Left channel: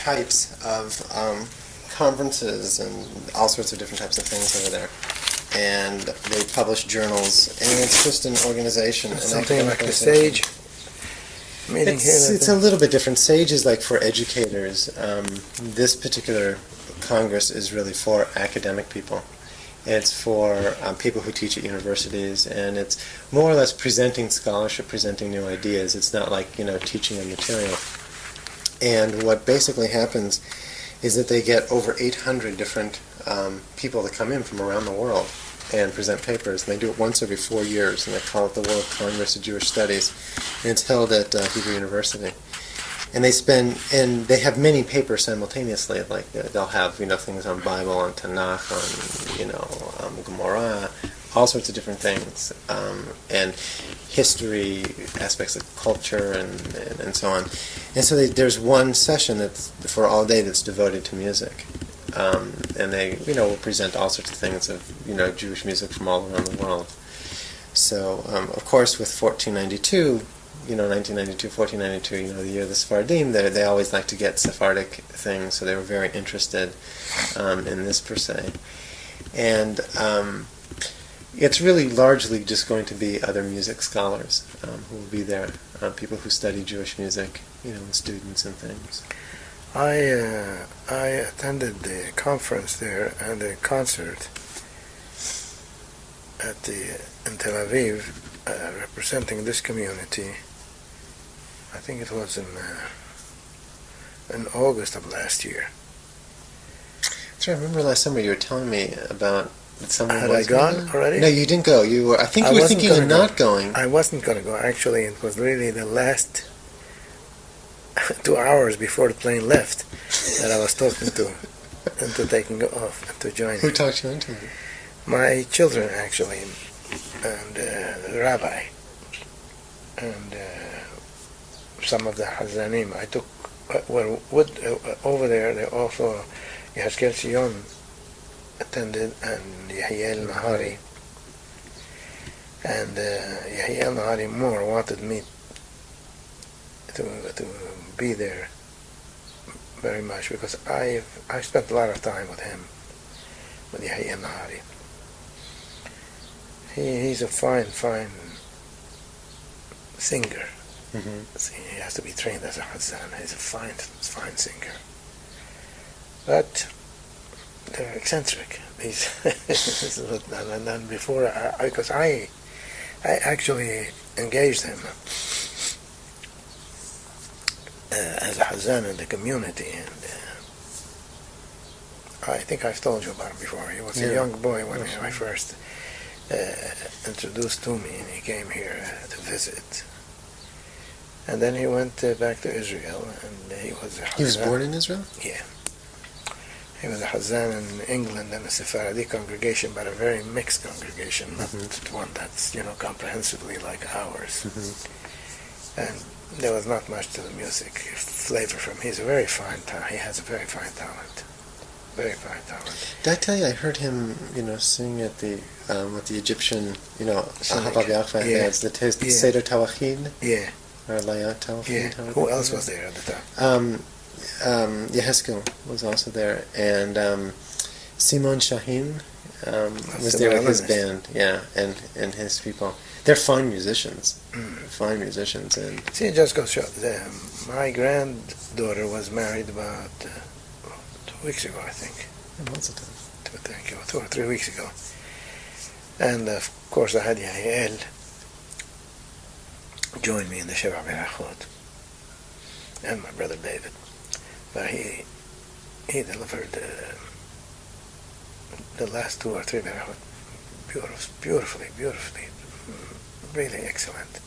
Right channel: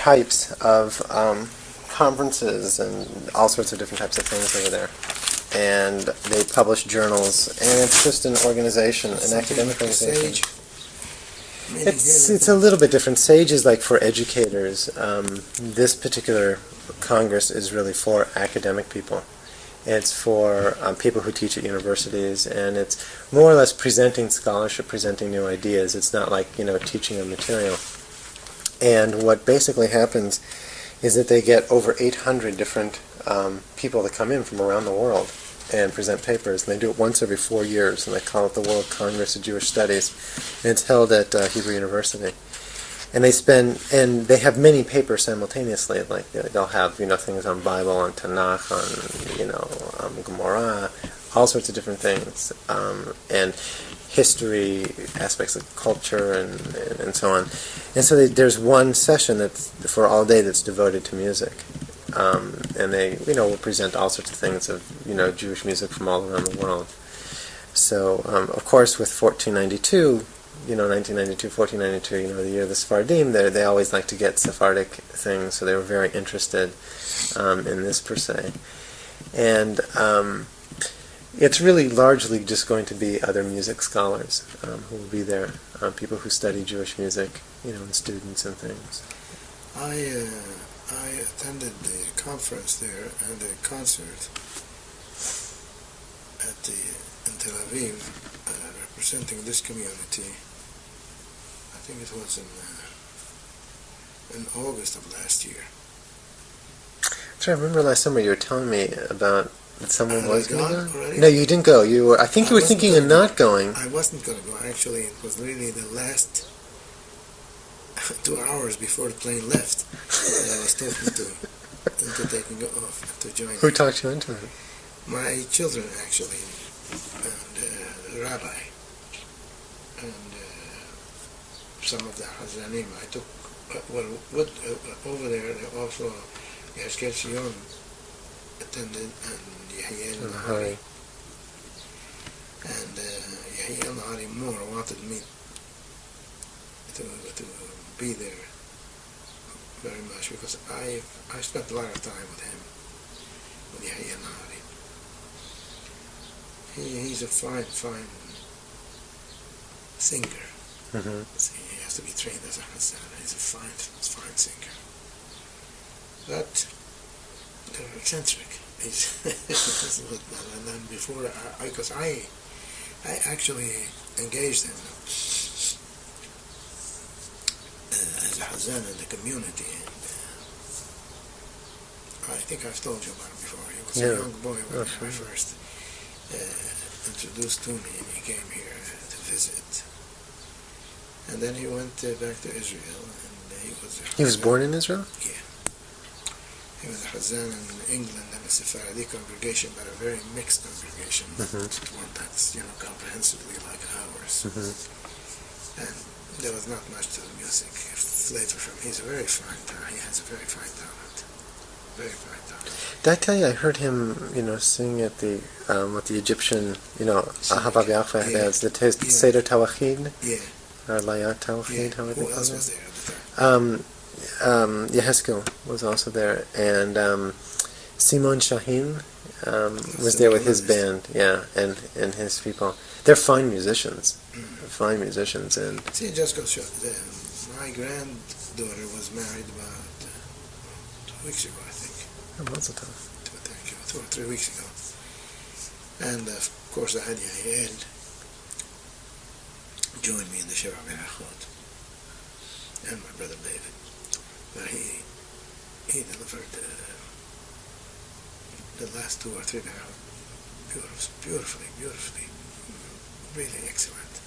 types of conferences and all sorts of different types of things over there. And they publish journals, and it's just an organization, an academic organization. Sage meeting It's a little bit different. Sage is like for educators. This particular Congress is really for academic people. It's for people who teach at universities, and it's more or less presenting scholarship, presenting new ideas. It's not like, teaching a material. And what basically happens is that they get over 800 different people that come in from around the world and present papers. And they do it once every 4 years, and they call it the World Congress of Jewish Studies. And it's held at Hebrew University. And they have many papers simultaneously. Like they'll have things on Bible, on Tanakh, on Gemara, all sorts of different things, and history, aspects of culture, and so on. And so there's one session that's for all day that's devoted to music, and they will present all sorts of things of Jewish music from all around the world. So of course with 1492. 1992, 1492, the year of the Sephardim, they always like to get Sephardic things, so they were very interested in this per se. And it's really largely just going to be other music scholars who will be there, people who study Jewish music, and students and things. I attended the conference there and the concert in Tel Aviv, representing this community. I think it was in August of last year. So I remember last summer you were telling me about that someone was going to go. Already? No, you didn't go. I think you were thinking of not going. I wasn't going to go. Actually, it was really the last 2 hours before the plane left that I was talking to into taking off and to join. Who talked you into it? My children, actually, and the rabbi, and some of the Hazanim. I took, over there, they also, Yehezkel Sion attended, and Yehiel Nahari. And Yehiel Nahari more wanted me to be there very much, because I spent a lot of time with him, with Yehiel Nahari. He's a fine singer. Mm-hmm. He has to be trained as a Hazzan. He's a fine singer. But they're eccentric. And then before, because I actually engaged him as a Hazzan in the community, and I think I've told you about it before. He was a young boy when I first introduced to me, and he came here to visit. And then he went back to Israel, and he was a Hazzan. He was born in Israel? Yeah. He was a Hazzan in England and a Sephardic congregation, but a very mixed congregation, not one that's, comprehensively like ours. Mm-hmm. And there was not much to the music flavor from him. He has a very fine talent. Very fine talent. Did I tell you I heard him, sing at the with the Egyptian, Ahavav Yahweh, that's the Seder Tawachid? Yeah. Or Layat Tawachid? Yeah. Who else was there at the time? Yehezkel was also there, and Simon Shahin was there with his band, and his people. They're fine musicians, and see, it just goes to show. My granddaughter was married about 2 weeks ago, I think. Lots of time. 2 or 3 weeks ago, and of course I had Yael join me in the Sheva Berachot, and my brother David. But he delivered the last 2 or 3 berachot beautifully, really excellent.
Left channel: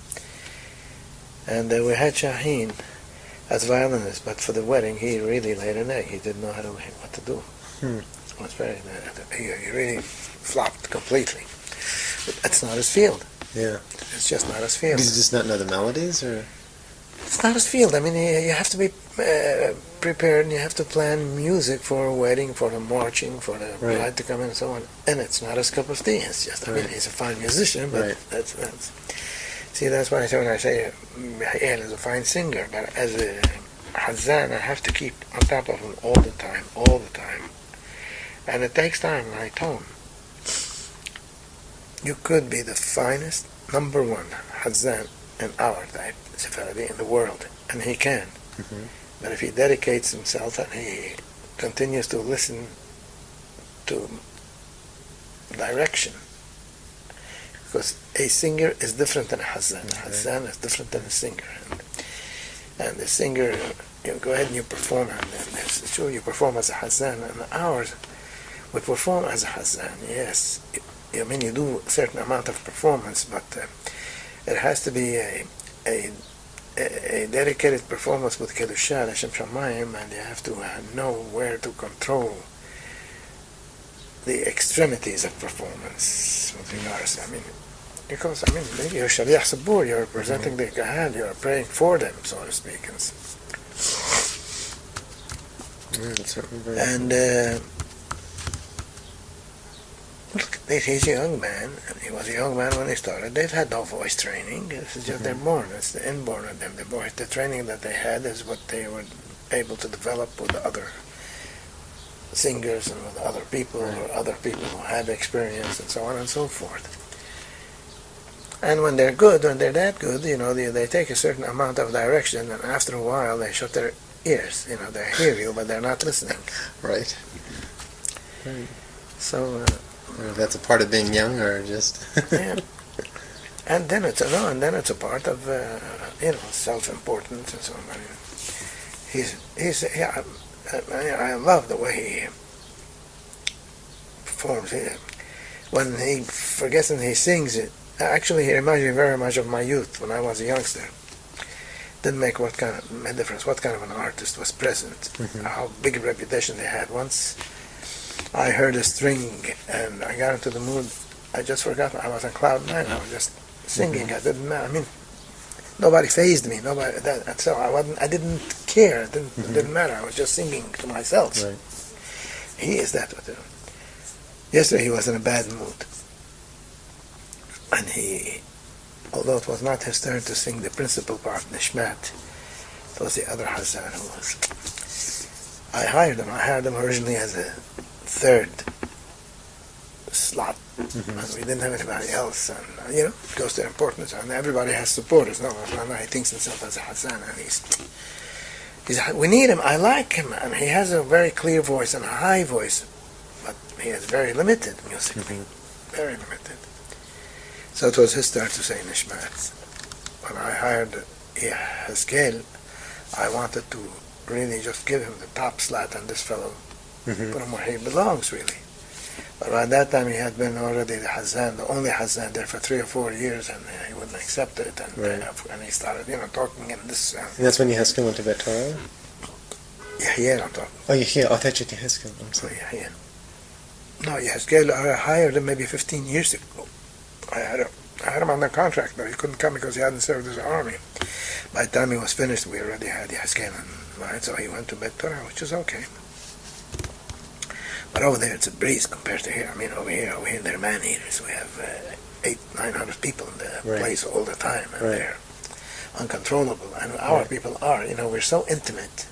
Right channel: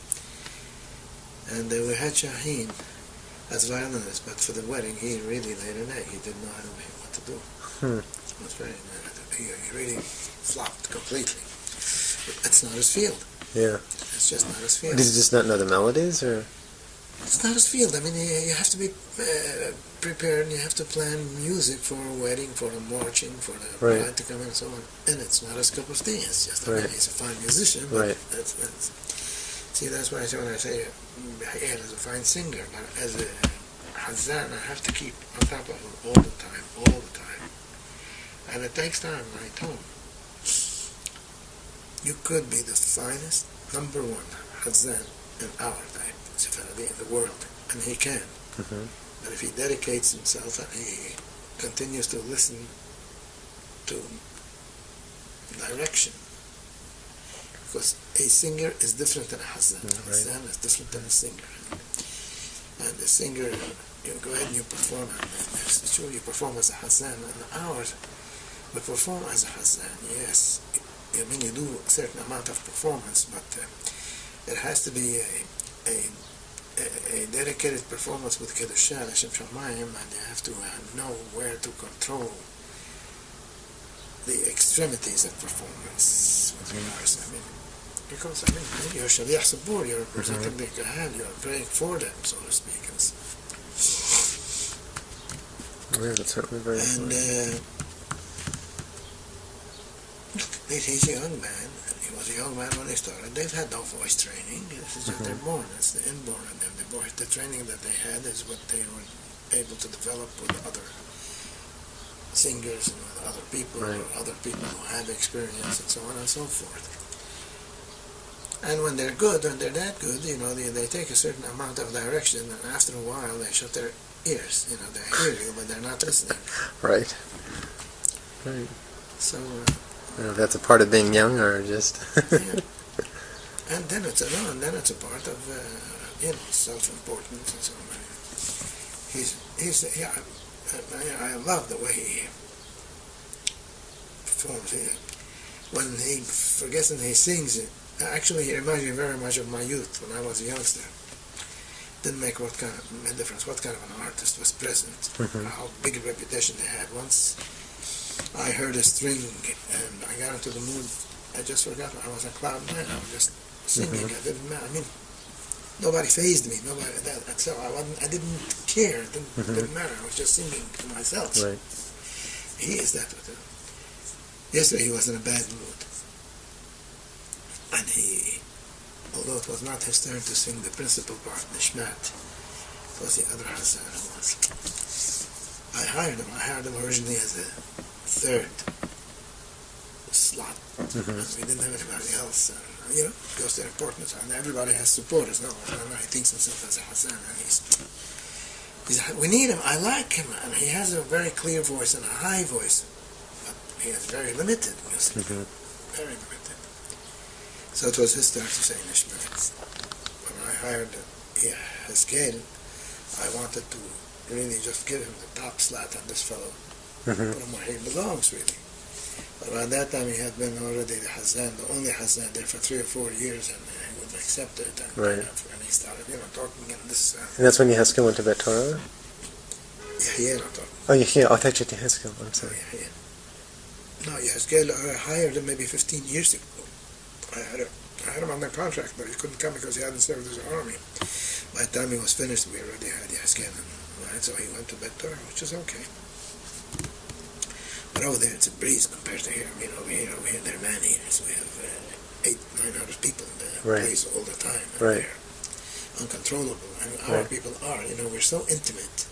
And we had Shaheen as violinist, but for the wedding he really laid an egg. He didn't know what to do. It was very. He really flopped completely. But that's not his field. Yeah. It's just not his field. Does he just not know the melodies, or? It's not his field. I mean, you have to be prepared, and you have to plan music for a wedding, for the marching, for the bride to come in, and so on. And it's not his cup of tea. It's just, I mean, he's a fine musician, but that's. See, that's why I say when I say Yael is a fine singer, but as a Hazzan, I have to keep on top of him all the time. And it takes time, like tone. You could be the finest, number one Hazzan in our type, Sephardi, in the world, and he can. Mm-hmm. But if he dedicates himself and he continues to listen to direction, because a singer is different than a Hazzan. Right. Hazzan is different than a singer. And the singer, you go ahead and you perform, and it's true you perform as a Hazzan, and ours, we perform as a Hazzan, yes. I mean, you do a certain amount of performance, but it has to be a dedicated performance with Kedusha, Hashem Shamayim, and you have to know where to control the extremities of performance with regards. I mean, because you're Shaliach Sabur, you're presenting the Kahal, you're praying for them, so to speak. Yeah, that's certainly very look, he's a young man, and he was a young man when he started. They've had no voice training. This is just they're born. It's the inborn of them. The training that they had is what they were able to develop with other singers and with other people, right. or other people who have experience, and so on and so forth. And when they're good, when they're that good, they take a certain amount of direction, and after a while they shut their ears. They hear you, but they're not listening. Right. Right. So. I don't know if that's a part of being young or just. Yeah. And then it's a part of self-importance and so on. I love the way he performs. When he forgets and he sings it, actually he reminds me very much of my youth when I was a youngster. Didn't make what kind of difference what kind of an artist was present, how big a reputation they had. Once I heard a string and I got into the mood. I just forgot. I was on cloud nine. I was just singing. I didn't matter. I mean, nobody fazed me. So I didn't care. It didn't matter. I was just singing to myself. Right. He is that with him. Yesterday he was in a bad mood, and although it was not his turn to sing the principal part, Nishmat, it was the other Hazzan who was. I hired him. Originally as a third slot, and we didn't have anybody else, and it goes to importance, and everybody has supporters. No, he thinks himself as a Hazzan, and we need him. I like him, and he has a very clear voice and a high voice, but he has very limited music, very limited. So it was his turn to say Nishmat. When I hired Haskell, I wanted to really just give him the top slot on this fellow, put him where he belongs, really. But by that time he had been already the Hazzan, the only Hazzan there for 3 or 4 years, and he wouldn't accept it, and, and he started, talking in this... and that's when Yehezkel went to Bet Torah? Yeah, I'm talking. Oh, yeah, I thought you said Yehezkel, I'm sorry. Yeah. No, Yehezkel, I hired him maybe 15 years ago. I had him on the contract, but he couldn't come because he hadn't served his army. By the time he was finished, we already had Yehezkel, right? So he went to Bet Torah, which is okay. But over there, it's a breeze compared to here. I mean, over here, they're man-eaters. We have 800-900 people in the place all the time, and they're uncontrollable. And our people are, we're so intimate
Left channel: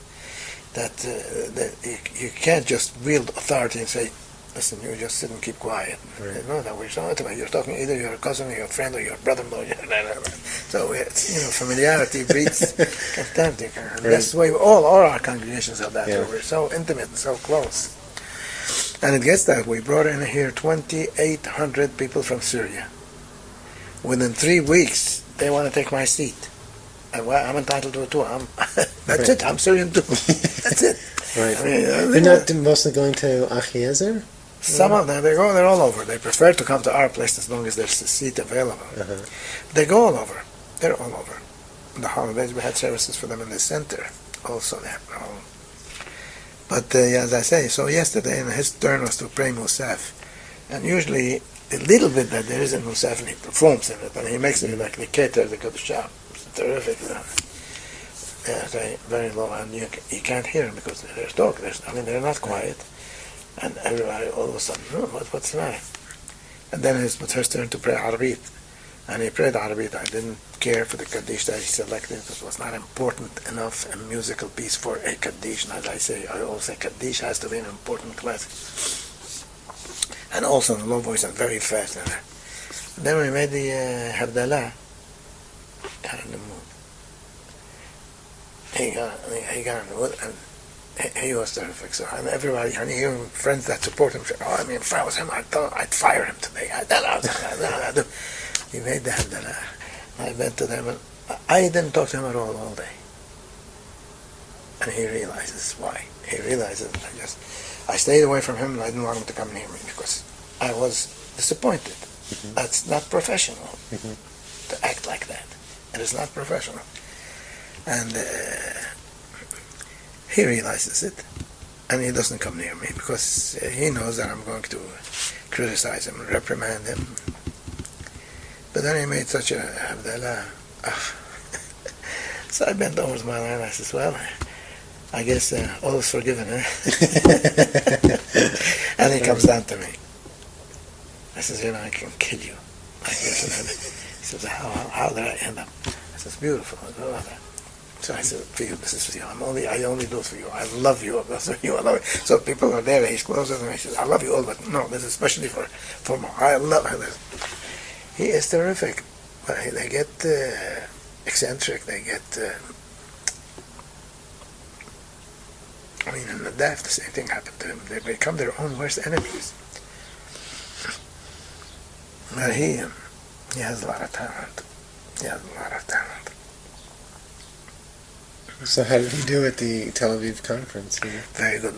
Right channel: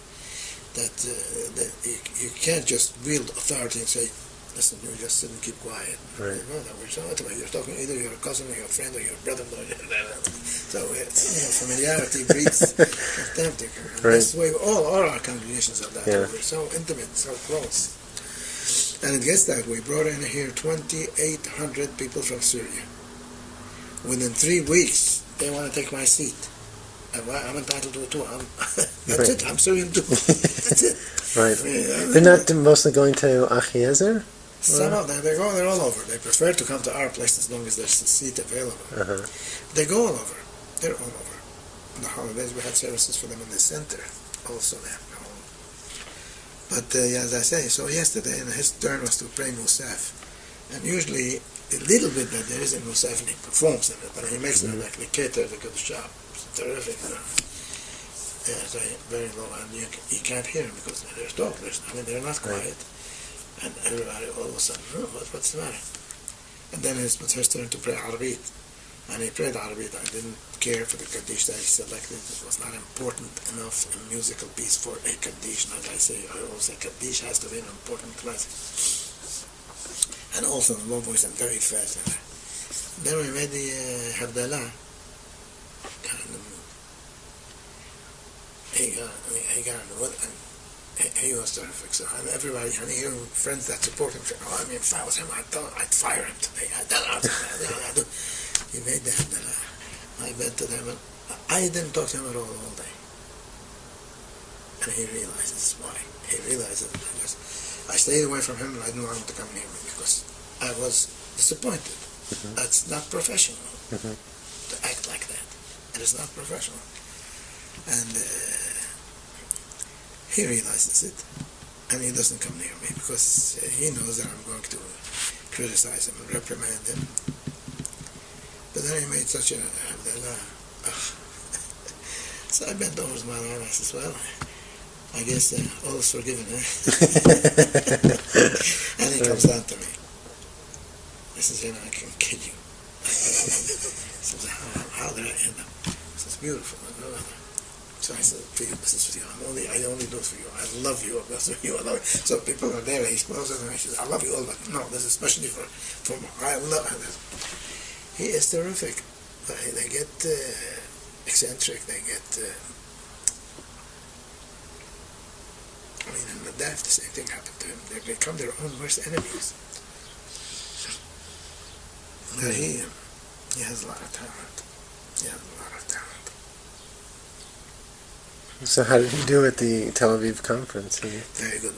that you can't just wield authority and say, listen, you just sit and keep quiet. Right. That we're so intimate. You're talking either your cousin or your friend or your brother-in-law. So it's, familiarity breeds contempt. That's the way all our congregations are that way. We're so intimate and so close. And it gets that way. We brought in here 2,800 people from Syria. Within 3 weeks, they want to take my seat. I'm entitled to it too. That's it. I'm Syrian too. That's it. Right. They're not mostly going to Achiezer? Some of them, they're all over. They prefer to come to our place as long as there's a seat available. They go all over. They're all over. On the holidays, we had services for them in the center also there. But as I say, so yesterday, and his turn was to pray Musaf. And usually, the little bit that there is in Musaf, and he performs in it, and he makes it like the Cantor, the Kedusha. It's terrific. Very low, and you can't hear them because there's talk. They're not quiet. And everybody, all of a sudden, what's the matter? And then it's her turn to pray Arabit. And he prayed Arabit. I didn't care for the Kaddish that he selected. It was not important enough a musical piece for a Kaddish. And as I always say, Kaddish has to be an important classic. And also in low voice and very fast. And then we made the Havdalah. Got in the mood. He got in the mood, and he was terrific. So, and everybody, and even friends that support him said, if I was him, I'd fire him today. He made the Havdalah. I went to them, and I didn't talk to him at all day. And he realizes why. He realizes I stayed away from him, and I didn't want him to come near me because I was disappointed. Mm-hmm. That's not professional to act like that. It is not professional. And he realizes it, and he doesn't come near me because he knows that I'm going to criticize him, reprimand him. But then he made such a Havdalah. So I bent over to my line and I said, well, I guess all is forgiven, eh? And he comes down to me. I says, I can kill you. He says, how did I end up? I says, beautiful. So I said, for you, this is for you. I only do it for you. I love you. That's for you. I love you. So people are there. He's closer to me. He says, I love you all, but no, this is especially for Mo. I love him. He is terrific. But they get eccentric. They get... in the Daf, the same thing happened to him. They become their own worst enemies. But he has a lot of talent. So how did he do at the Tel Aviv conference? Very good.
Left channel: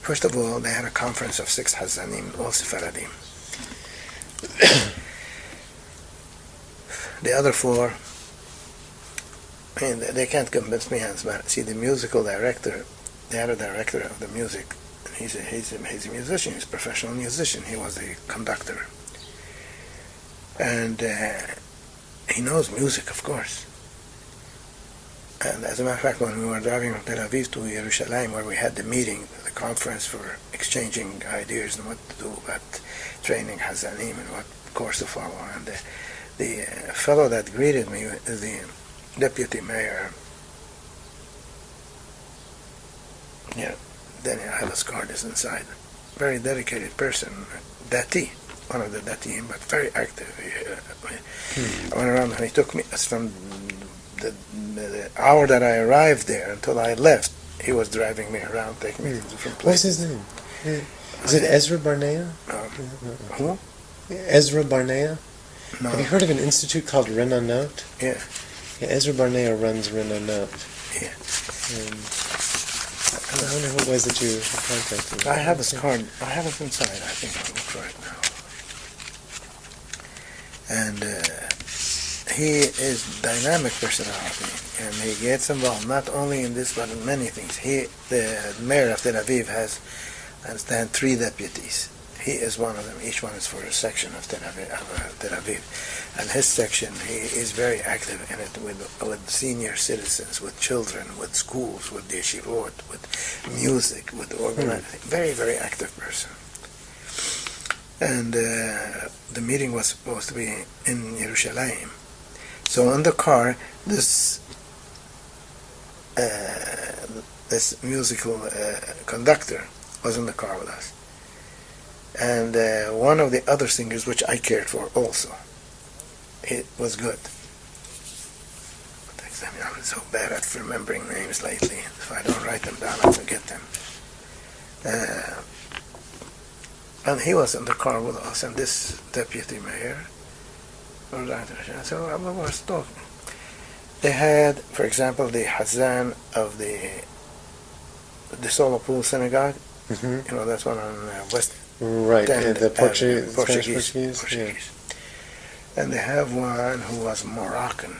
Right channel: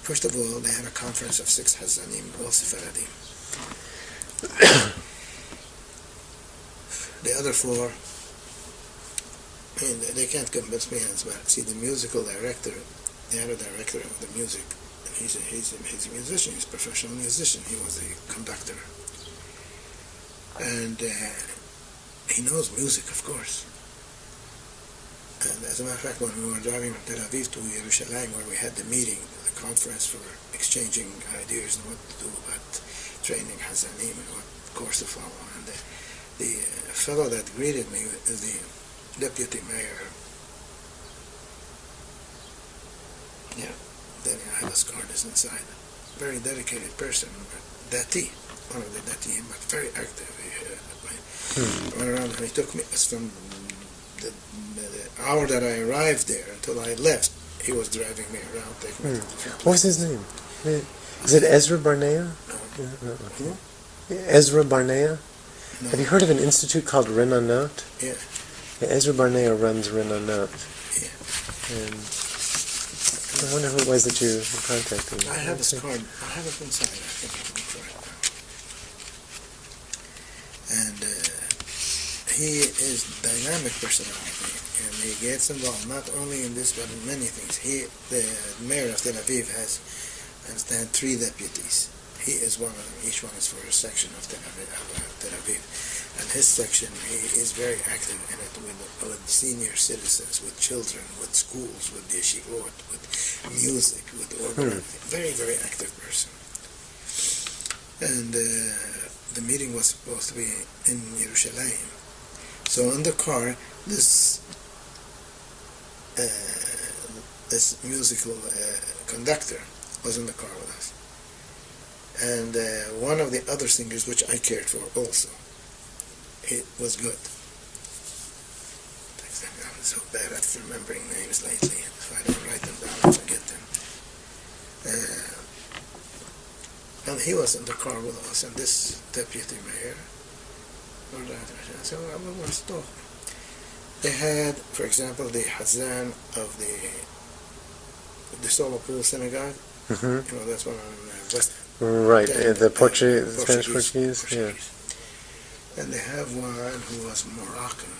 First of all, they had a conference of 6 Hazanim, all Sephardim. The other 4, they can't convince me, but see, the musical director, they had a director of the music. He's a musician. He's a professional musician. He was a conductor. And he knows music, of course. And as a matter of fact, when we were driving from Tel Aviv to Yerushalayim, where we had the meeting, the conference for exchanging ideas and what to do about training Hazanim and what course to follow, and the fellow that greeted me is the deputy mayor. Yeah, Daniel Halascard is inside. Very dedicated person, Dati, one of the Dati, but very active. I went around and he took me from the hour that I arrived there until I left. He was driving me around, taking me to different places. What's his name? Is it Ezra Barnea? Who? Ezra Barnea? No. Have you heard of an institute called Renanot? Yeah. Ezra Barnea runs Renanot. Yeah. And I wonder who it was that you contacted. I have his card. I have it inside. I think I'll look for it now. And he is dynamic personality, and he gets involved not only in this but in many things. The mayor of Tel Aviv has, I understand, 3 deputies. He is one of them. Each one is for a section of Tel Aviv. And his section, he is very active in it with senior citizens, with children, with schools, with the yeshivot, with music, with organizing. Very, very active person. And the meeting was supposed to be in Yerushalayim. So in the car, this musical conductor was in the car with us. And one of the other singers, which I cared for also, it was good. I'm so bad at remembering names lately. If I don't write them down, I forget them. And he was in the car with us, and this deputy mayor. So I was talking. They had, for example, the Hazan of the Solomon Synagogue. Mm-hmm. That's one on West. Right, the Spanish Portuguese. Yeah. And they have one who was Moroccan.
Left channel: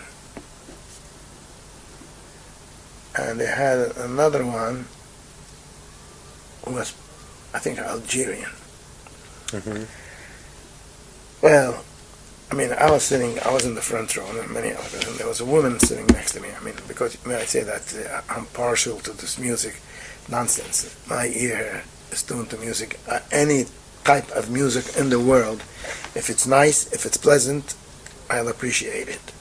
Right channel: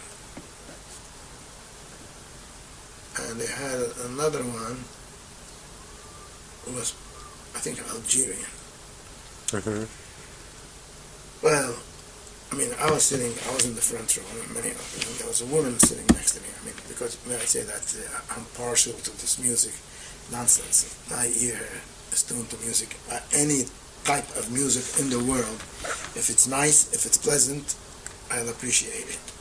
And they had another one who was, I think, Algerian. Mm-hmm. Well, I was in the front row, and many others, and there was a woman sitting next to me. Because, may I say that I'm partial to this music nonsense. My ear is tuned to music. Any type of music in the world. If it's nice, if it's pleasant, I'll appreciate it.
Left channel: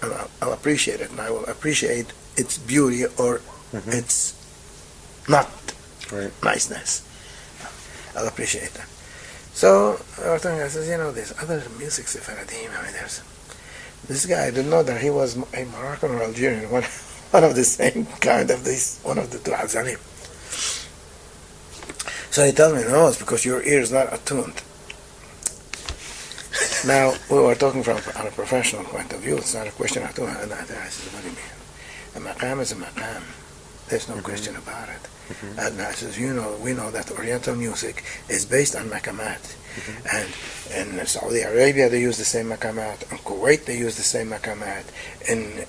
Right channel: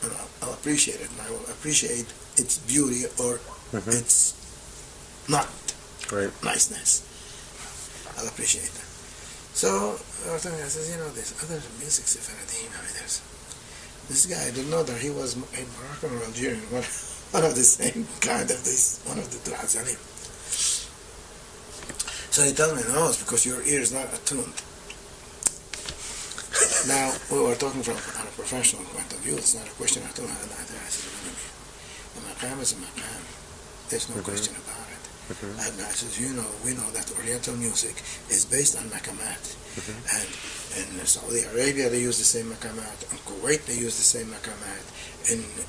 And I'll appreciate it, and I will appreciate its beauty or its not niceness. I'll appreciate that. So I says, there's other music Sephardim. There's this guy. I didn't know that he was a Moroccan or Algerian, one of the same kind of one of the two Hazanim. So he told me, no, it's because your ear is not attuned. Now, we were talking from on a professional point of view. It's not a question of attunement. I said, what do you mean? A maqam is a maqam. There's no question about it. And I says, we know that Oriental music is based on maqamat. And in Saudi Arabia, they use the same maqamat. In Kuwait, they use the same maqamat. In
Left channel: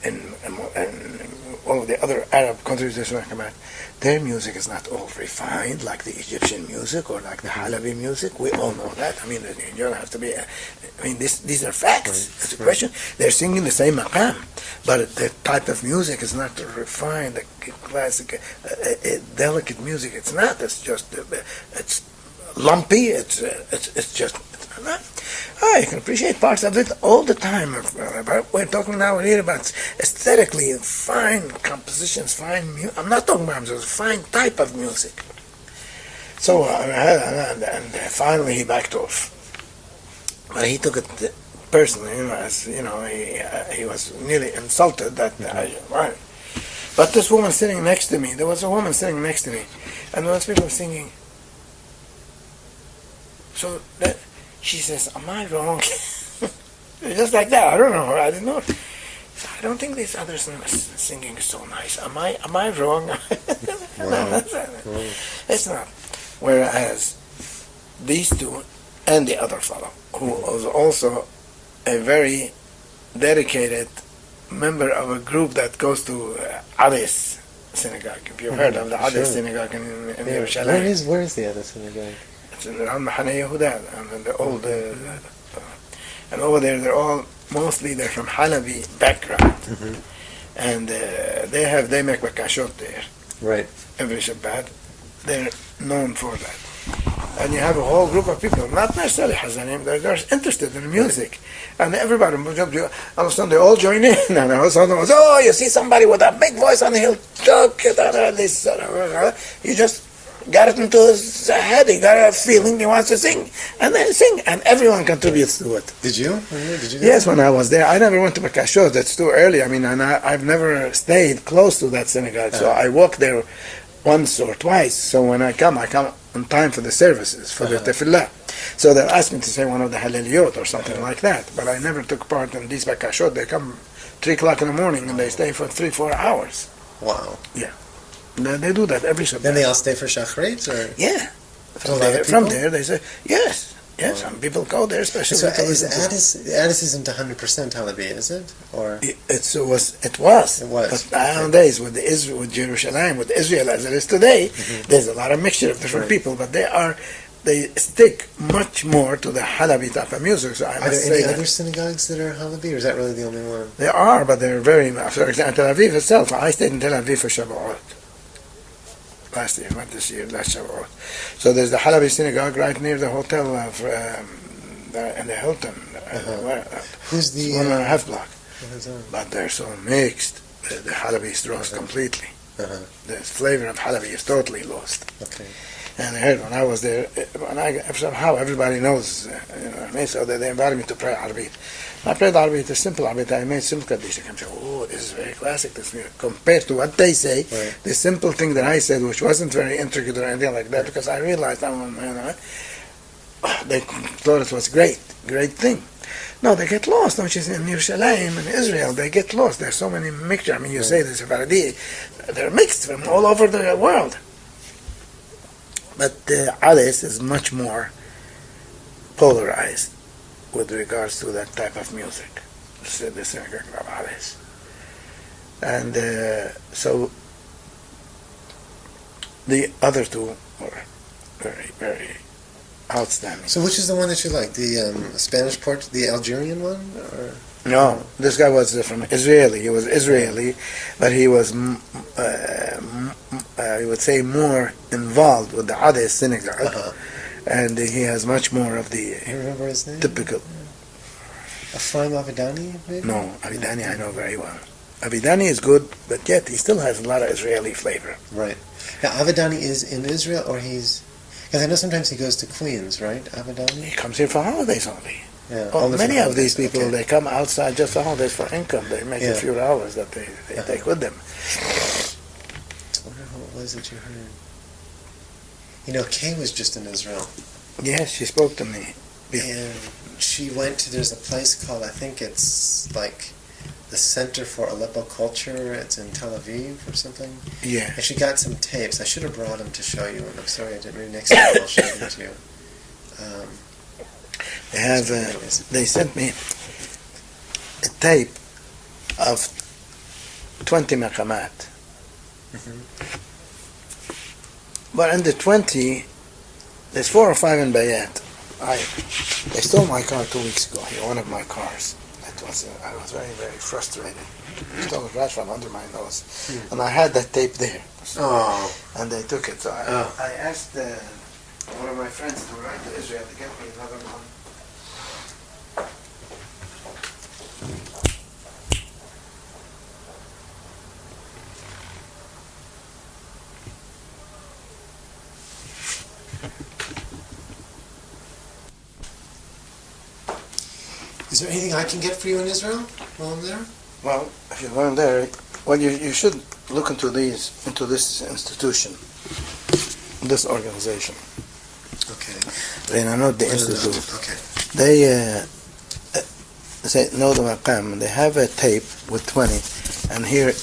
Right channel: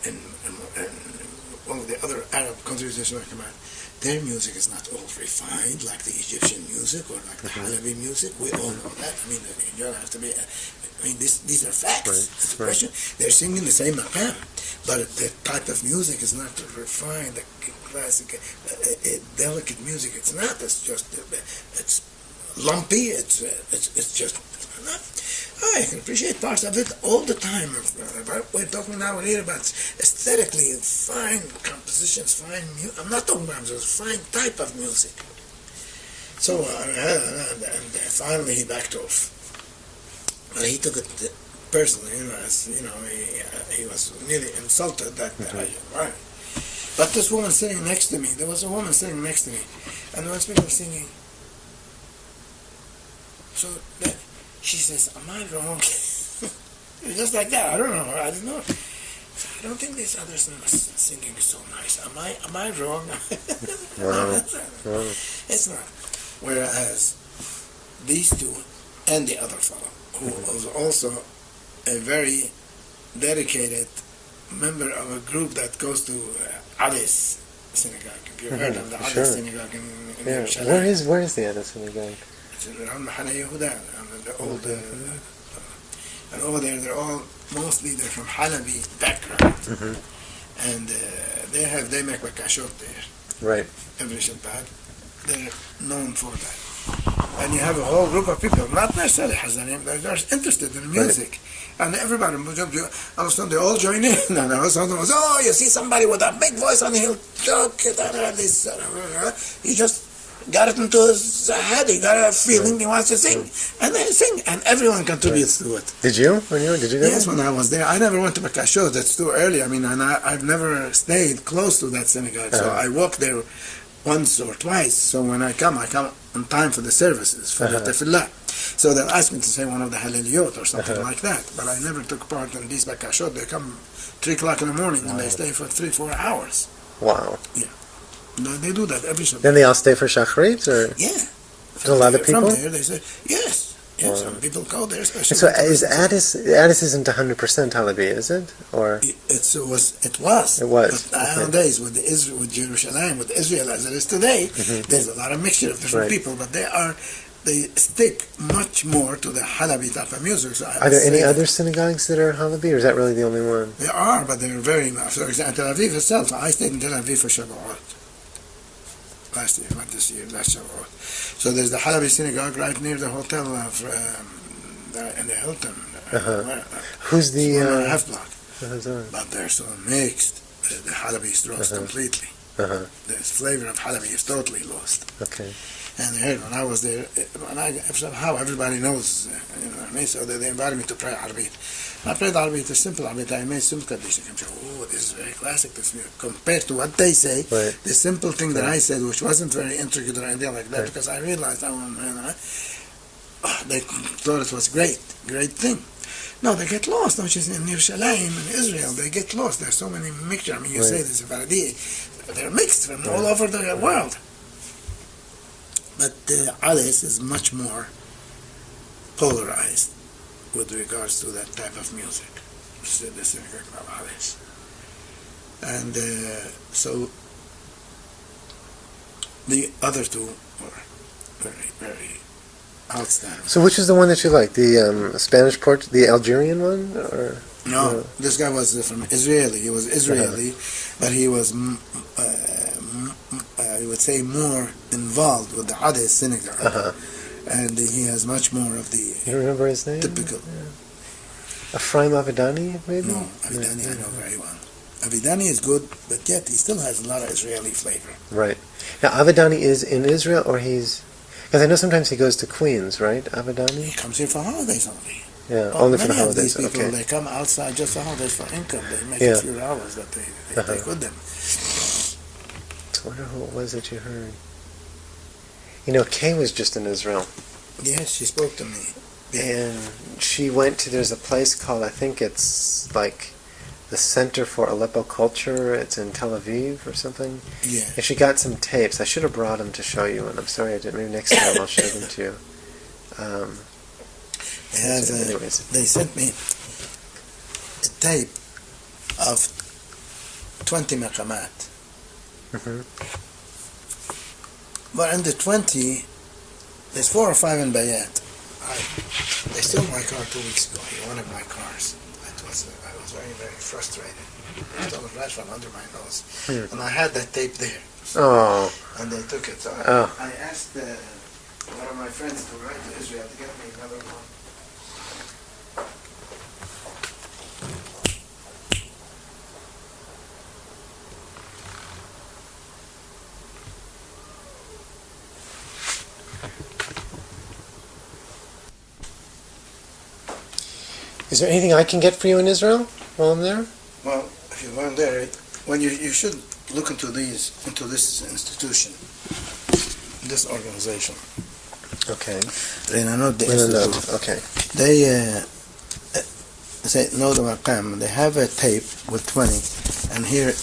all of the other Arab countries, there's maqamat. Their music is not all refined like the Egyptian music or like the Halabi music. We all know that. I mean, you don't have to be... these are facts. It's a question. They're singing the same maqam, but the type of music is not refined, the classic, delicate music. It's not. It's just... it's lumpy. It's just... you can appreciate parts of it all the time. We're talking now here about aesthetically fine compositions, fine music. I'm not talking about just fine type of music. So, and finally he backed off. But he took it personally, as he was nearly insulted that right. But this woman sitting next to me, there was a woman sitting next to me, and those people were singing. So that. She says, am I wrong? Just like that. I don't know. I didn't know. So I don't think these others singing is so nice. Am I wrong? Wow. It's not. Whereas these two and the other fellow, who was also a very dedicated member of a group that goes to Ades synagogue. If you've heard of the Ades synagogue in Yerushalayim. Where is the Ades synagogue? Around Mahane Yehuda, and the old, and over there they're from Halabi background, and they make bakashot there. Right. Every Shabbat, they're known for that. And you have a whole group of people, not necessarily Hazanim, they're interested in music, and everybody, all of a sudden they all join in, and all of a sudden, you see somebody with a big voice on the hill, you just got it into his head. He got a feeling he wants to sing, and they sing, and everyone contributes to it. Did you? Did you go? Yes, when I was there. I never went to Bakashot. That's too early. I mean, and I've never stayed close to that synagogue, so I walked there once or twice. So when I come on time for the services, for the tefillah. So they'll ask me to say one of the Haleliyot or something like that, but I never took part in these Bakashot. They come 3 o'clock in the morning, and they stay for 3-4 hours. Wow. Yeah. They do that every Shabbat. Then they all stay for Shachrit, or yeah. A lot of people. From there, they say yes. Some people go there, especially. So is Addis isn't 100% Halabi, is it? Or it was. But nowadays, with Jerusalem, with Israel as it is today, there's a lot of mixture of different people, but they stick much more to the Halabi type of music. So are there any other synagogues that are Halabi, or is that really the only one? There are, but they're very. For example, Tel Aviv itself. I stayed in Tel Aviv for Shavuot. Last year, not this year, last Shavuot. So there's the Halabi synagogue right near the hotel in the Hilton. Who's the... 1.5 block. But they're so mixed. The Halabi is lost completely. The flavor of Halabi is totally lost. Okay. And I heard when I was there, somehow everybody knows, what I mean? So they invited me to pray Arabit. I prayed Arabit, a simple Arabit. I made simple Kaddish. I say, this is very classic, this music. Compared to what they say, the simple thing that I said, which wasn't very intricate or anything like that, because I realized, they thought it was great thing. No, they get lost. Don't you see, in Yerushalayim, in Israel, they get lost. There's so many mixture. I mean, you say the Sephardi, they're mixed from all over the world. But Ades is much more polarized with regards to that type of music, the synagogue of Ades. And so the other two were very, very outstanding. So which is the one that you like? The Spanish the Algerian one? Or? No, this guy was from Israeli. He was Israeli, but he was, I would say, more involved with the Ades synagogue. and he has much more of the You remember his name? typical. Ephraim Avedani, maybe? No, Avidani I know very well. Avidani is good, but yet he still has a lot of Israeli flavor. Right. Now, Avedani is in Israel, or he's... Because I know sometimes he goes to Queens, right, Avedani? He comes here for holidays only. Yeah, Well, only for many the of these holidays, people, okay. they come outside just for holidays for income. They make a few dollars that they take with them. I wonder who it was that you heard. You know, Kay was just in Israel. Yes, she spoke to me. And she went to, there's a place called, I think it's like the Center for Aleppo Culture. It's in Tel Aviv or something. Yeah. And she got some tapes. I should have brought them to show you, and I'm sorry I didn't. Maybe next time I'll show them to you. They have. They sent me a tape of 20 maqamat. Mm-hmm. But in the 20, there's 4 or 5 in Bayat. They stole my car 2 weeks ago. One of my cars. I was very, very frustrated. They stole it right from under my nose. And I had that tape there. Oh. And they took it. So I asked one of my friends to ride to Israel to get me another one. Is there anything I can get for you in Israel while I'm there? Well, if you're going there, you should look into this institution, this organization. Okay. Not the institute. Okay. They say no the Maqam. They have a tape with 20, and here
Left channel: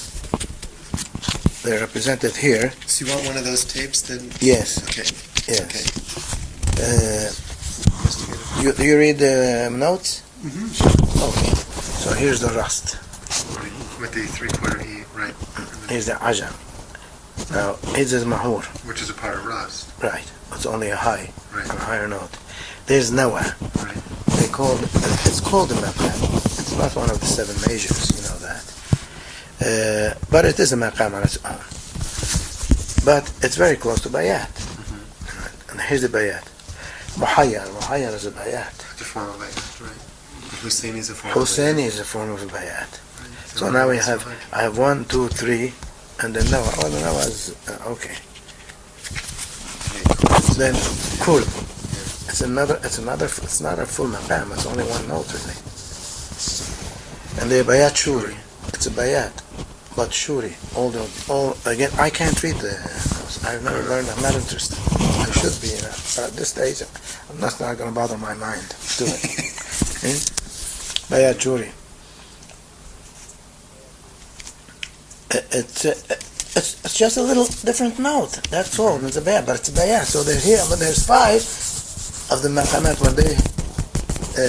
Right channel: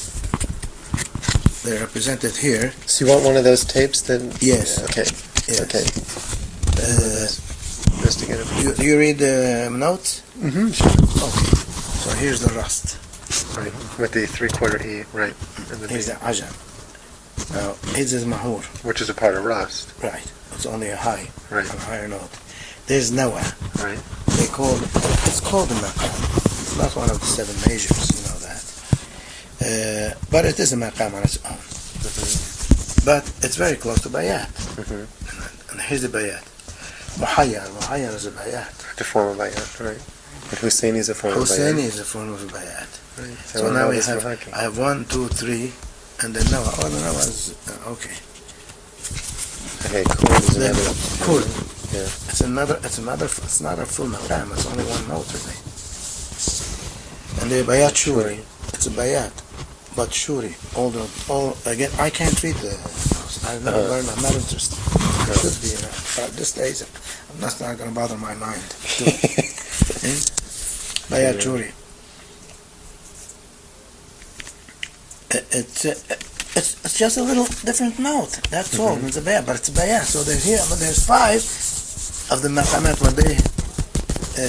they're represented here. So you want one of those tapes then? Yes. Okay. Yes. Okay. You read the notes? Mm-hmm. Sure. Okay. So here's the rust. With the 3/4 E, right. Here's the ajam. Now, here's the mahur. Which is a part of rust. Right. It's only a high, Right. a higher note. There's nawa. Right. It's called a maqam. It's not one of the 7 measures, you know that. But it is a maqam on its own. Mm-hmm. But it's very close to bayat. Mm-hmm. And here's the bayat. Muhayyar is a bayat. The form of bayat, right. But Husseini is a form of bayat. Husseini is a form of a bayat. Right. So now I have 1, 2, 3, and then nawa. Oh, the nawa is okay. Okay. Then cool. Yeah. It's not a full maqam. It's only 1 note really. And the bayat shuri. It's a bayat, but shuri. All again. I can't read the notes. I've never learned. I'm not interested. I should be. But at this stage, I'm not going to bother my mind to it. Bayat shuri. It's just a little different note. That's all. It's a bayat, but it's a bayat. So there's here, but there's 5 of the maqamat when they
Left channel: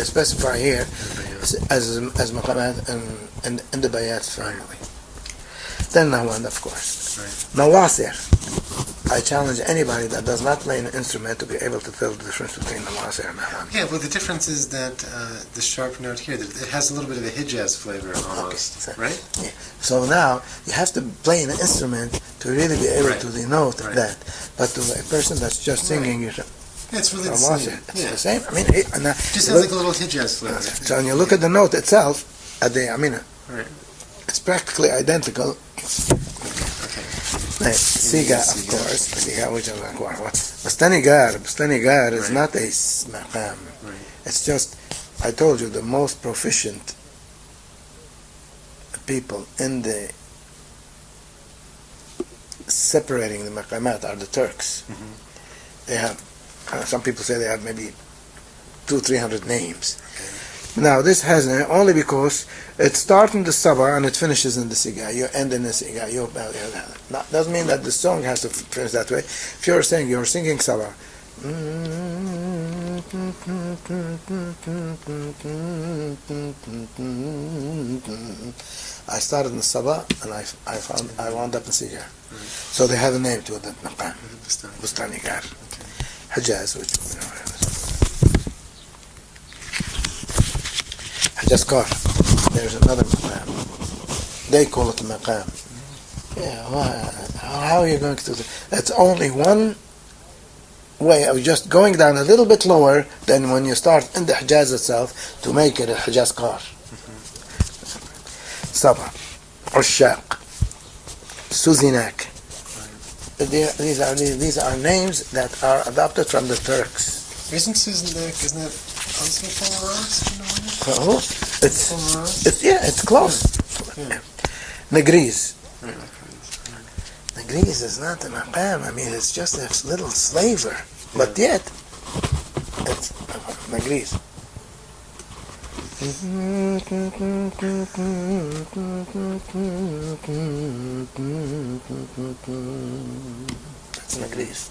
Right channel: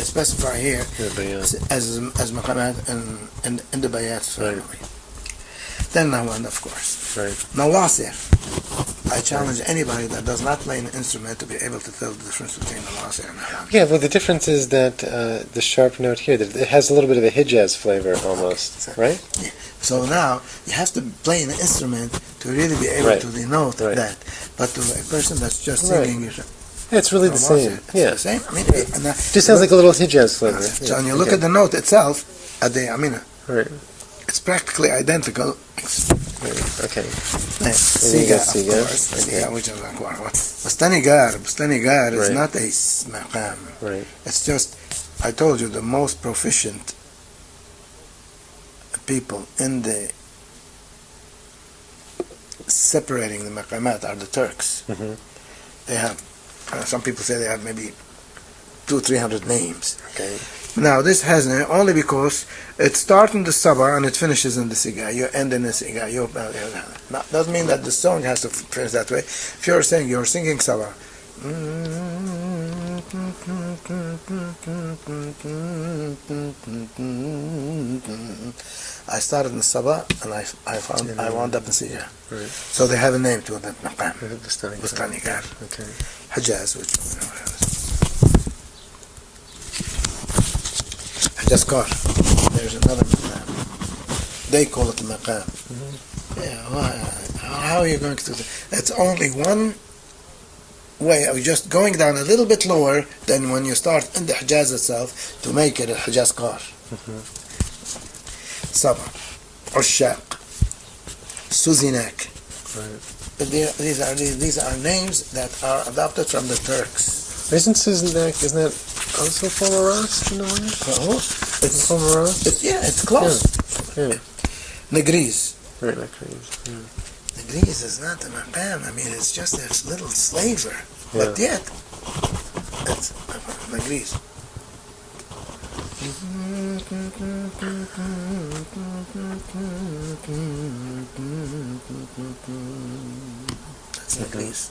specify here as maqamat in the bayat family. Then Nahwan, of course. Right. Nawasir. I challenge anybody that does not play an instrument to be able to tell the difference between Nawasir and Nahwan. Yeah, well, the difference is that the sharp note here, that it has a little bit of a Hijaz flavor almost, Okay. right? Yeah. So now you have to play an instrument to really be able to denote that. But to a person that's just singing, Yeah, it's really the same. It's the same. I mean, Just sounds like a little Hijaz flavor. So when you look at the note itself, Right. it's practically identical. Okay. Siga, of course. Siga, which is Bustanigar is not a maqam. Right. It's just, I told you, the most proficient people in the separating the maqamat are the Turks. Mm-hmm. They have, some people say they have maybe 200-300 names. Okay. Now, this has only because it starts in the Sabah and it finishes in the Siga. You end in the Siga. Now, doesn't mean that the song has to finish that way. If you're singing Sabah. I started in the Sabah and I wound up in Siga. Right. So they have a name to it, that Maqam. Bustanigar. Okay. Hijaz, which Hajaskar. There's another maqam. They call it maqam. Mm-hmm. Yeah, how are you going to do that? That's only one way of just going down a little bit lower than when you start in the Hijaz itself to make it a Hijaz car. Saba, Ushaq, Suzinak. These are names that are adopted from the Turks. Isn't that also from Ross? Do you know Oh, it's from Ross? It's close. Yeah. Negriz. Right, Negriz. Yeah. Negriz is not a maqam. I mean, it's just a little slaver. But yet, it's Negriz. That's Negriz.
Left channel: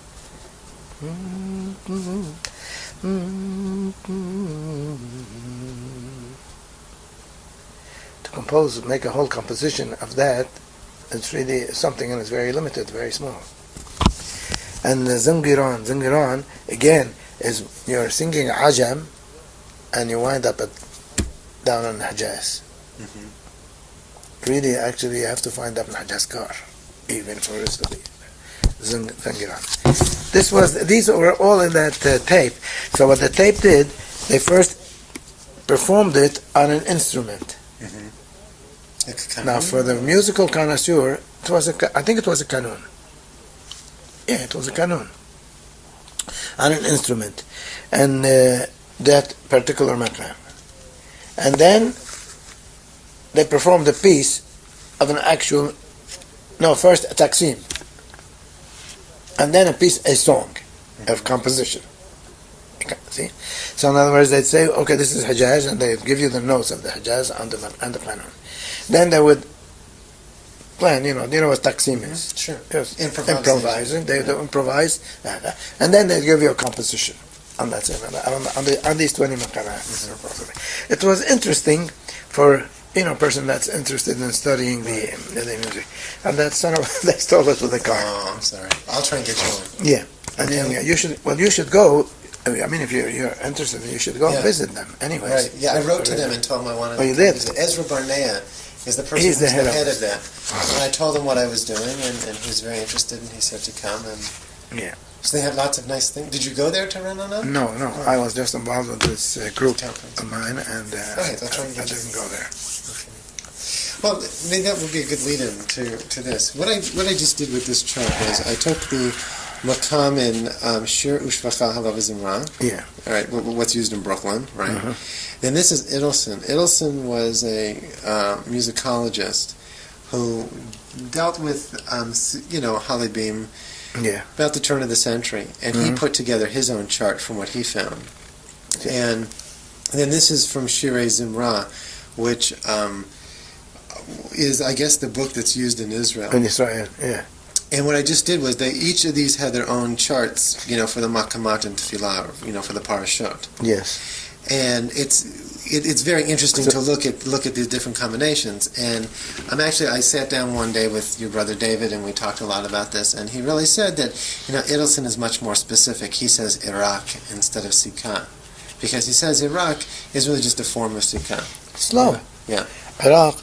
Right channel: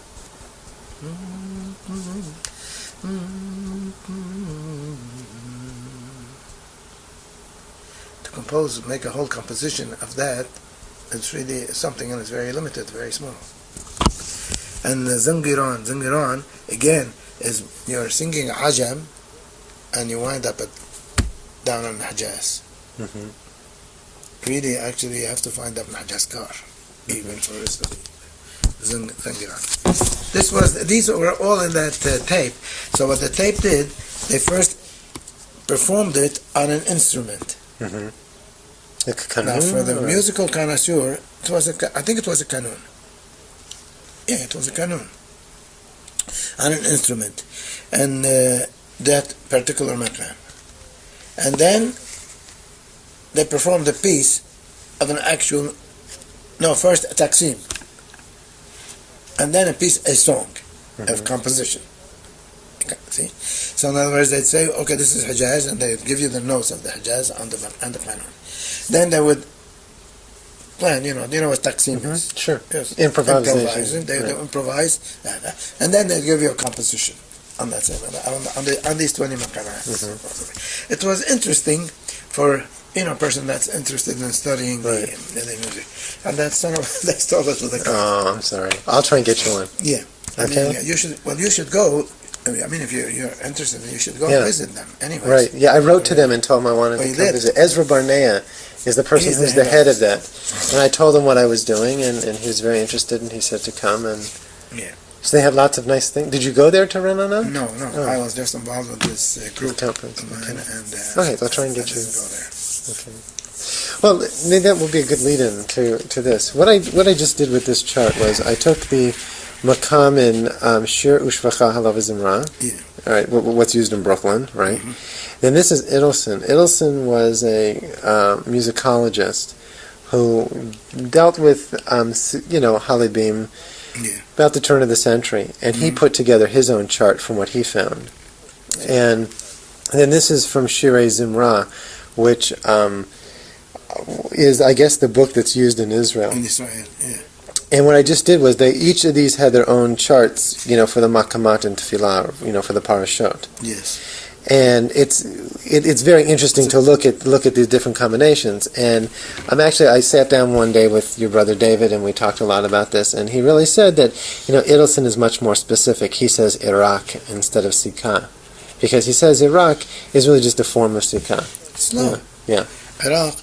To compose, make a whole composition of that, it's really something, and it's very limited, very small. And Zangiran, again, is you're singing Ajam, and you wind up down on Hijaz. Really, actually, you have to find up in Hijaz car, even for the rest of the Zangiran. These were all in that tape. So what the tape did, they first performed it on an instrument. Now, for the musical connoisseur, I think it was a kanun. Yeah, it was a kanun on an instrument, and that particular maqam. And then they performed a piece of an actual. No, first a taksim, and then a song of composition. See, so in other words, they'd say, "Okay, this is Hijaz," and they'd give you the notes of the Hijaz and the kanun. Then they would plan, you know what taksim is? Sure. Yes. Improvising. They improvise, and then they'd give you a composition on that on these 20 maqamat. It was interesting for a person that's interested in studying the music, and that's sort of they stole it with the car. Oh, I'm sorry. I'll try and get you one. Yeah, Okay. I mean, you should go. I mean, if you're interested, you should go and visit them. Anyways. Right. Yeah, I wrote to them and told them I wanted to visit. Ezra Barnea is the person who's the head of that. And I told him what I was doing, and he was very interested, and he said to come. And so they have lots of nice things. Did you go there to Renana? No. Oh. I was just involved with this group of mine, and okay, I'll try and get I didn't go there. Okay. Well, maybe that would be a good lead-in to this. What I just did with this chart was I took the Maqam and Shir Ushvacha Halav Zimra. Yeah. All right, what's used in Brooklyn, right? Then this is Idelson. Idelson was a musicologist who dealt with, Halibim about the turn of the century, and he put together his own chart from what he found. And then this is from Shirei Zimra, which is, I guess, the book that's used in Israel. In Israel, yeah. And what I just did was each of these had their own charts, for the Maqamat and Tefillah, for the Parashot. Yes. And it's very interesting to look at these different combinations. And I sat down one day with your brother David, and we talked a lot about this. And he really said that Idelson is much more specific. He says Iraq instead of Sikha, because he says Iraq is really just a form of Sikha. Slow. Yeah. Iraq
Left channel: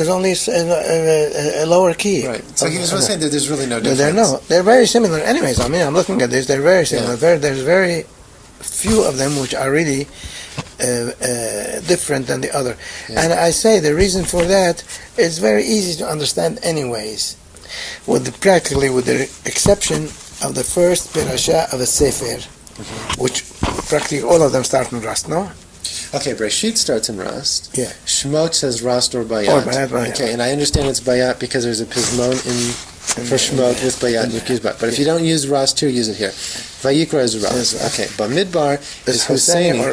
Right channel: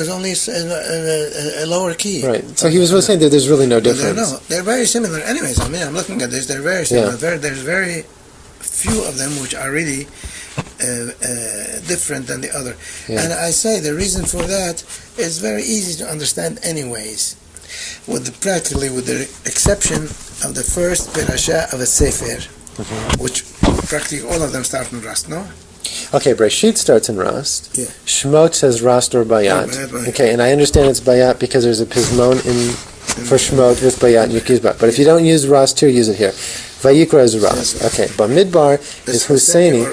is only a lower key. Right. So he was really saying that there's really no difference. They're very similar. Anyways, I'm looking at this. They're very similar. Yeah. There's very few of them which are really different than the other. Yeah. And I say the reason for that is very easy to understand. Anyways, with the exception of the first parasha of a sefer, which practically all of them start in Rust. No. Okay, Breshit starts in Rast. Yeah. Shmot says Rast or Bayat. Bayat. Okay, and I understand it's Bayat because there's a Pismon for Shmot with Bayat and Yukizbat. But if you don't use Rast here, use it here. Vayikra is Rast. Okay, Bamidbar is Husseini.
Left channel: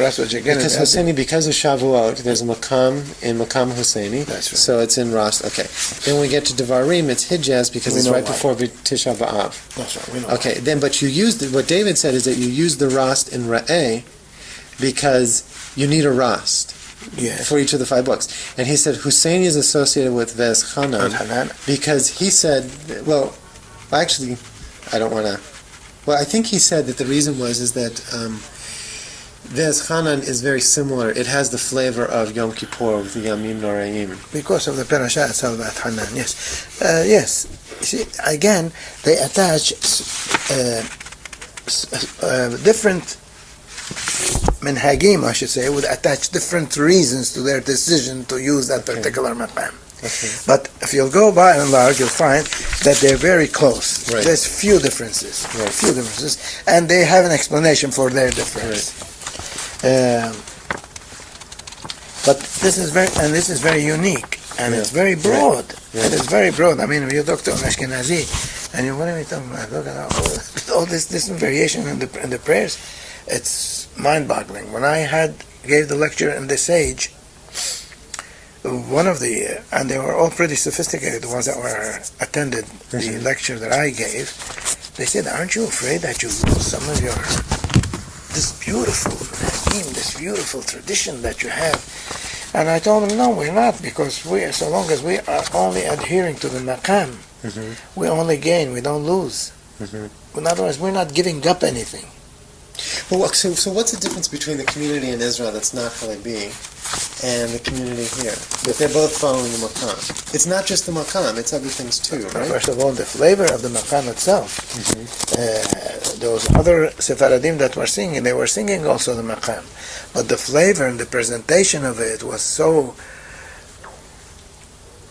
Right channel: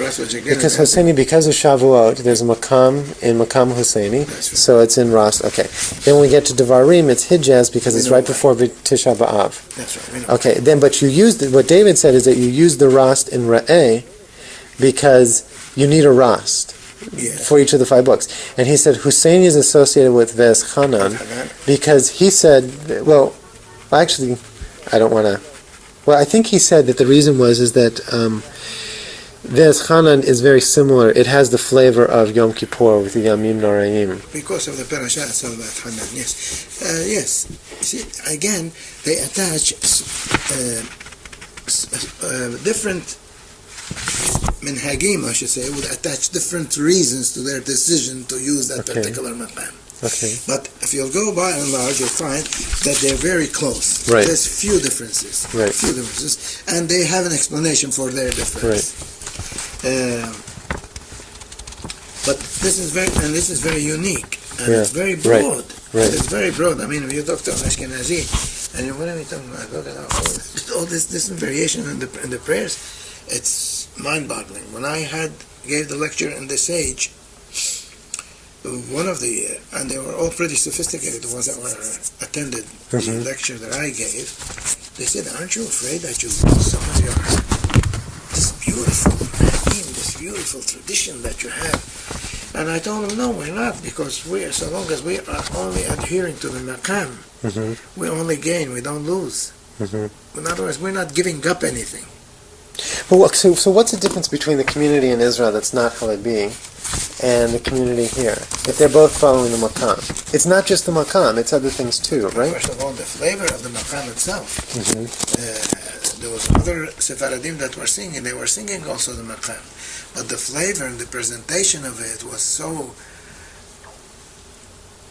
Because Husseini, because of Shavuot, there's a Maqam in Maqam Husseini. Right. So it's in Rast. Okay. Then when we get to Devarim, it's Hijaz because it's right before Tisha B'Av. That's right. Okay, but you used what David said is that you use the Rast in Ra'eh because you need a Rast for each of the 5 books. And he said Husseini is associated with Ves Chanan because he said, I think he said that the reason is that Ves Chanan is very similar. It has the flavor of Yom Kippur with the Yamim Noraim. Because of the parasha itself, Ves Chanan, yes. Yes. See, again, they attach different minhagim, I should say, would attach different reasons to their decision to use that particular maqam. Okay. But if you'll go by and large, you'll find that they're very close. Right. There's few differences. Right. Few differences. And they have an explanation for their difference. Right. But this is very unique. And it's very broad. Right. It is very broad. I mean, if you talk to an Ashkenazi, and what are we talking about? Look at all this variation in the prayers. It's mind-boggling. When I gave the lecture in the Sage, and they were all pretty sophisticated, the ones that were attended the lecture that I gave, they said, aren't you afraid that you lose some of this beautiful tradition that you have? And I told them, no, we're not, because so long as we are only adhering to the maqam, we only gain, we don't lose. In other words, we're not giving up anything. But so what's the difference between the community in Israel that's not Halebi and the community here? If they're both following the maqam. It's not just the maqam, it's other things too, right? First of all, the flavor of the maqam itself. Those other Sephardim that were singing, they were singing also the maqam. But the flavor and the presentation of it was so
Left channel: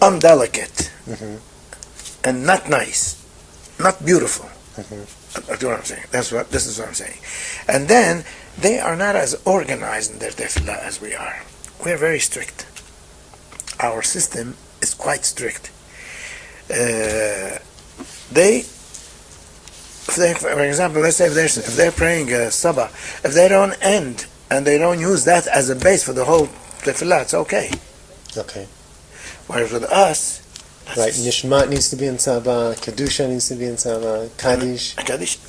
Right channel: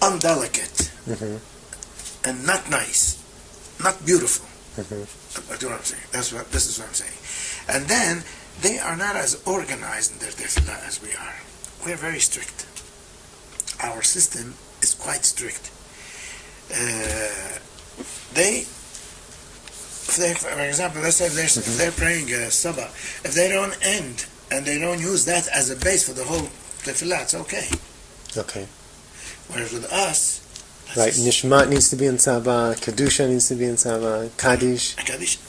undelicate and not nice, not beautiful. That's what I'm saying. This is what I'm saying. And then they are not as organized in their tefillah as we are. We are very strict. Our system is quite strict. For example, let's say if they're praying Sabah, if they don't end and they don't use that as a base for the whole tefillah, it's okay. Okay. Whereas with us, right, Nishmat needs to be in Sabah, Kedusha needs to be in Sabah, Kaddish.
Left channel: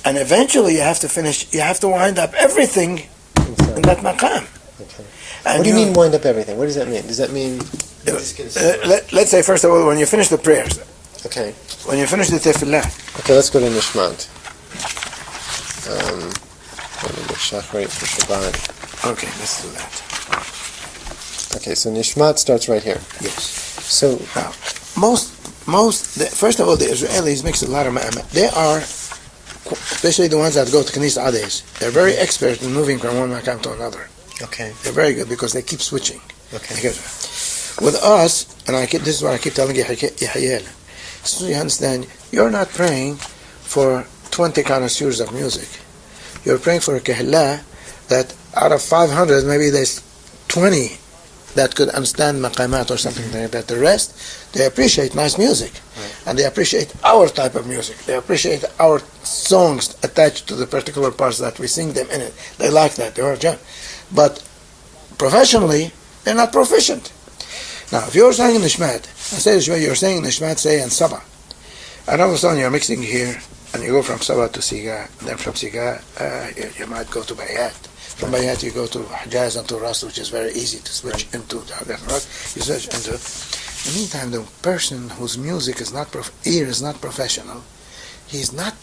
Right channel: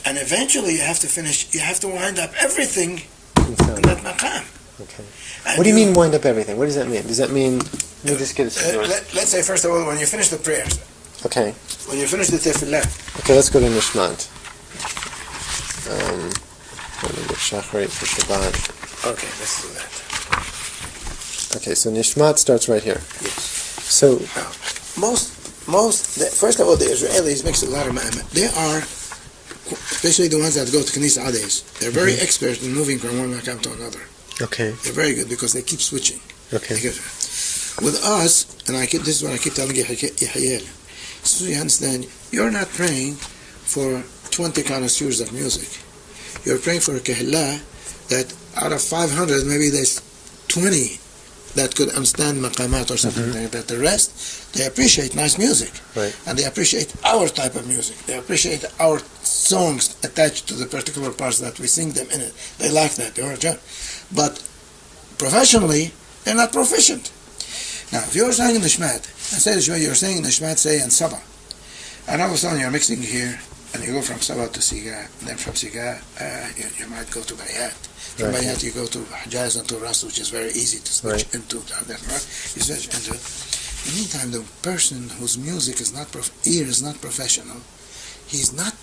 And eventually you have to wind up everything in that maqam. Okay. And what do you mean wind up everything? What does that mean? Does that mean... let's say, first of all, when you finish the prayers. Okay. When you finish the tefillah. Okay, let's go to Nishmat. Let me get Shachrit for Shabbat. Okay, let's do that. Okay, so Nishmat starts right here. Yes. So... Now, first of all, the Israelis mix a lot of ma'amah. They are, especially the ones that go to Knis Ades, they're very expert in moving from one maqam to another. Okay. They're very good because they keep switching. Okay. With us, and this is what I keep telling Yahyel, so you understand, you're not praying for 20 connoisseurs of music. You're praying for a kehillah that out of 500, maybe there's 20 that could understand maqamat or something like that. The rest, they appreciate nice music. Right. And they appreciate our type of music. They appreciate our songs attached to the particular parts that we sing them in it. They like that. They are job. But professionally, they're not proficient. Now, if you're saying Nishmat, you're saying Nishmat, say, and Sabah, and all of a sudden you're mixing here, and you go from Sabah to Siga, then from Siga, you might go to Bayat. From Bayat you go to Hijaz and to Ras, which is very easy to switch into. You switch into. In the meantime, the person whose music is not ear is not professional, he's not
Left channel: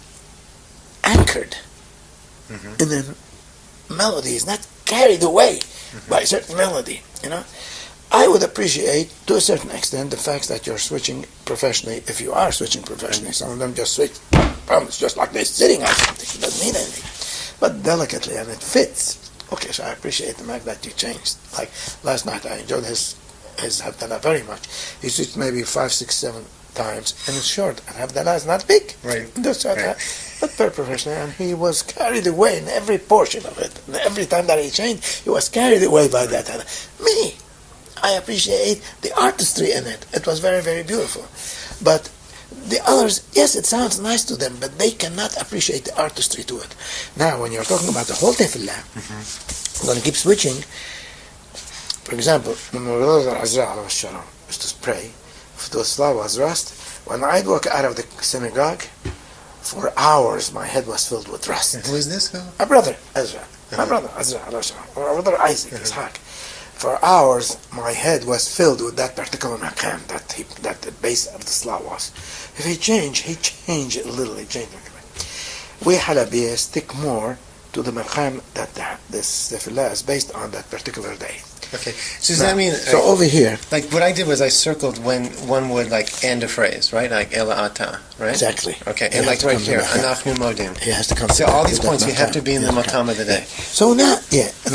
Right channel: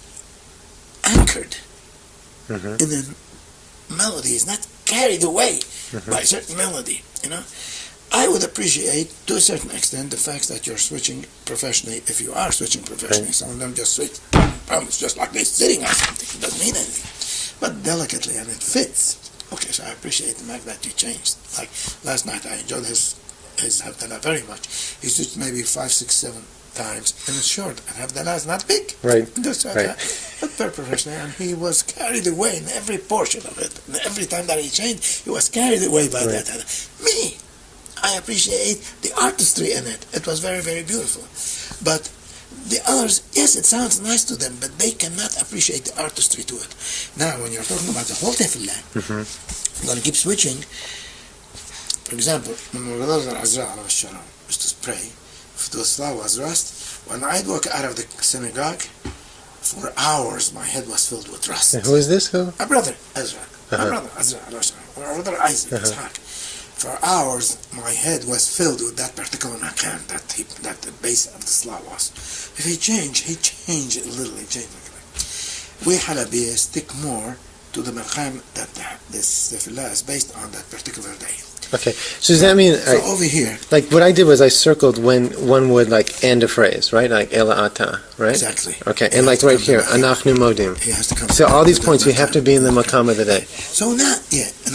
anchored in the melody. He's not carried away by a certain melody. I would appreciate, to a certain extent, the fact that you're switching professionally. If you are switching professionally, some of them just switch. It's just like they're sitting on something. It doesn't mean anything. But delicately, and it fits. Okay, so I appreciate the fact that you changed. Like last night, I enjoyed his Havdalah very much. He switched maybe 5, 6, 7 times, and it's short. And Havdalah is not big. Right. But very professional, and he was carried away in every portion of it. And every time that he changed, he was carried away by that. Me, I appreciate the artistry in it. It was very, very beautiful. But the others, yes, it sounds nice to them, but they cannot appreciate the artistry to it. Now, when you're talking about the whole tefillah, I'm going to keep switching. For example, when Mawlana Azra used to pray, if the Salah was rust, when I'd walk out of the synagogue, for hours my head was filled with rust. And who is this? Who? My brother, Ezra. My brother, Azra, or my brother Isaac, Ishaq. For hours, my head was filled with that particular maqam that the base of the salah was. If he changed it a little. He changed it. We Halabiyas stick more to the maqam that this tefillah is based on that particular day. Okay. So does that mean... So over here... Like, what I did was I circled when one would, like, end a phrase, right? Like, Ela Ata, right? Exactly. Okay, and like right here, Anachnu Modim. He has to come. So all these points, you have to be in the Maqam of the day. So now,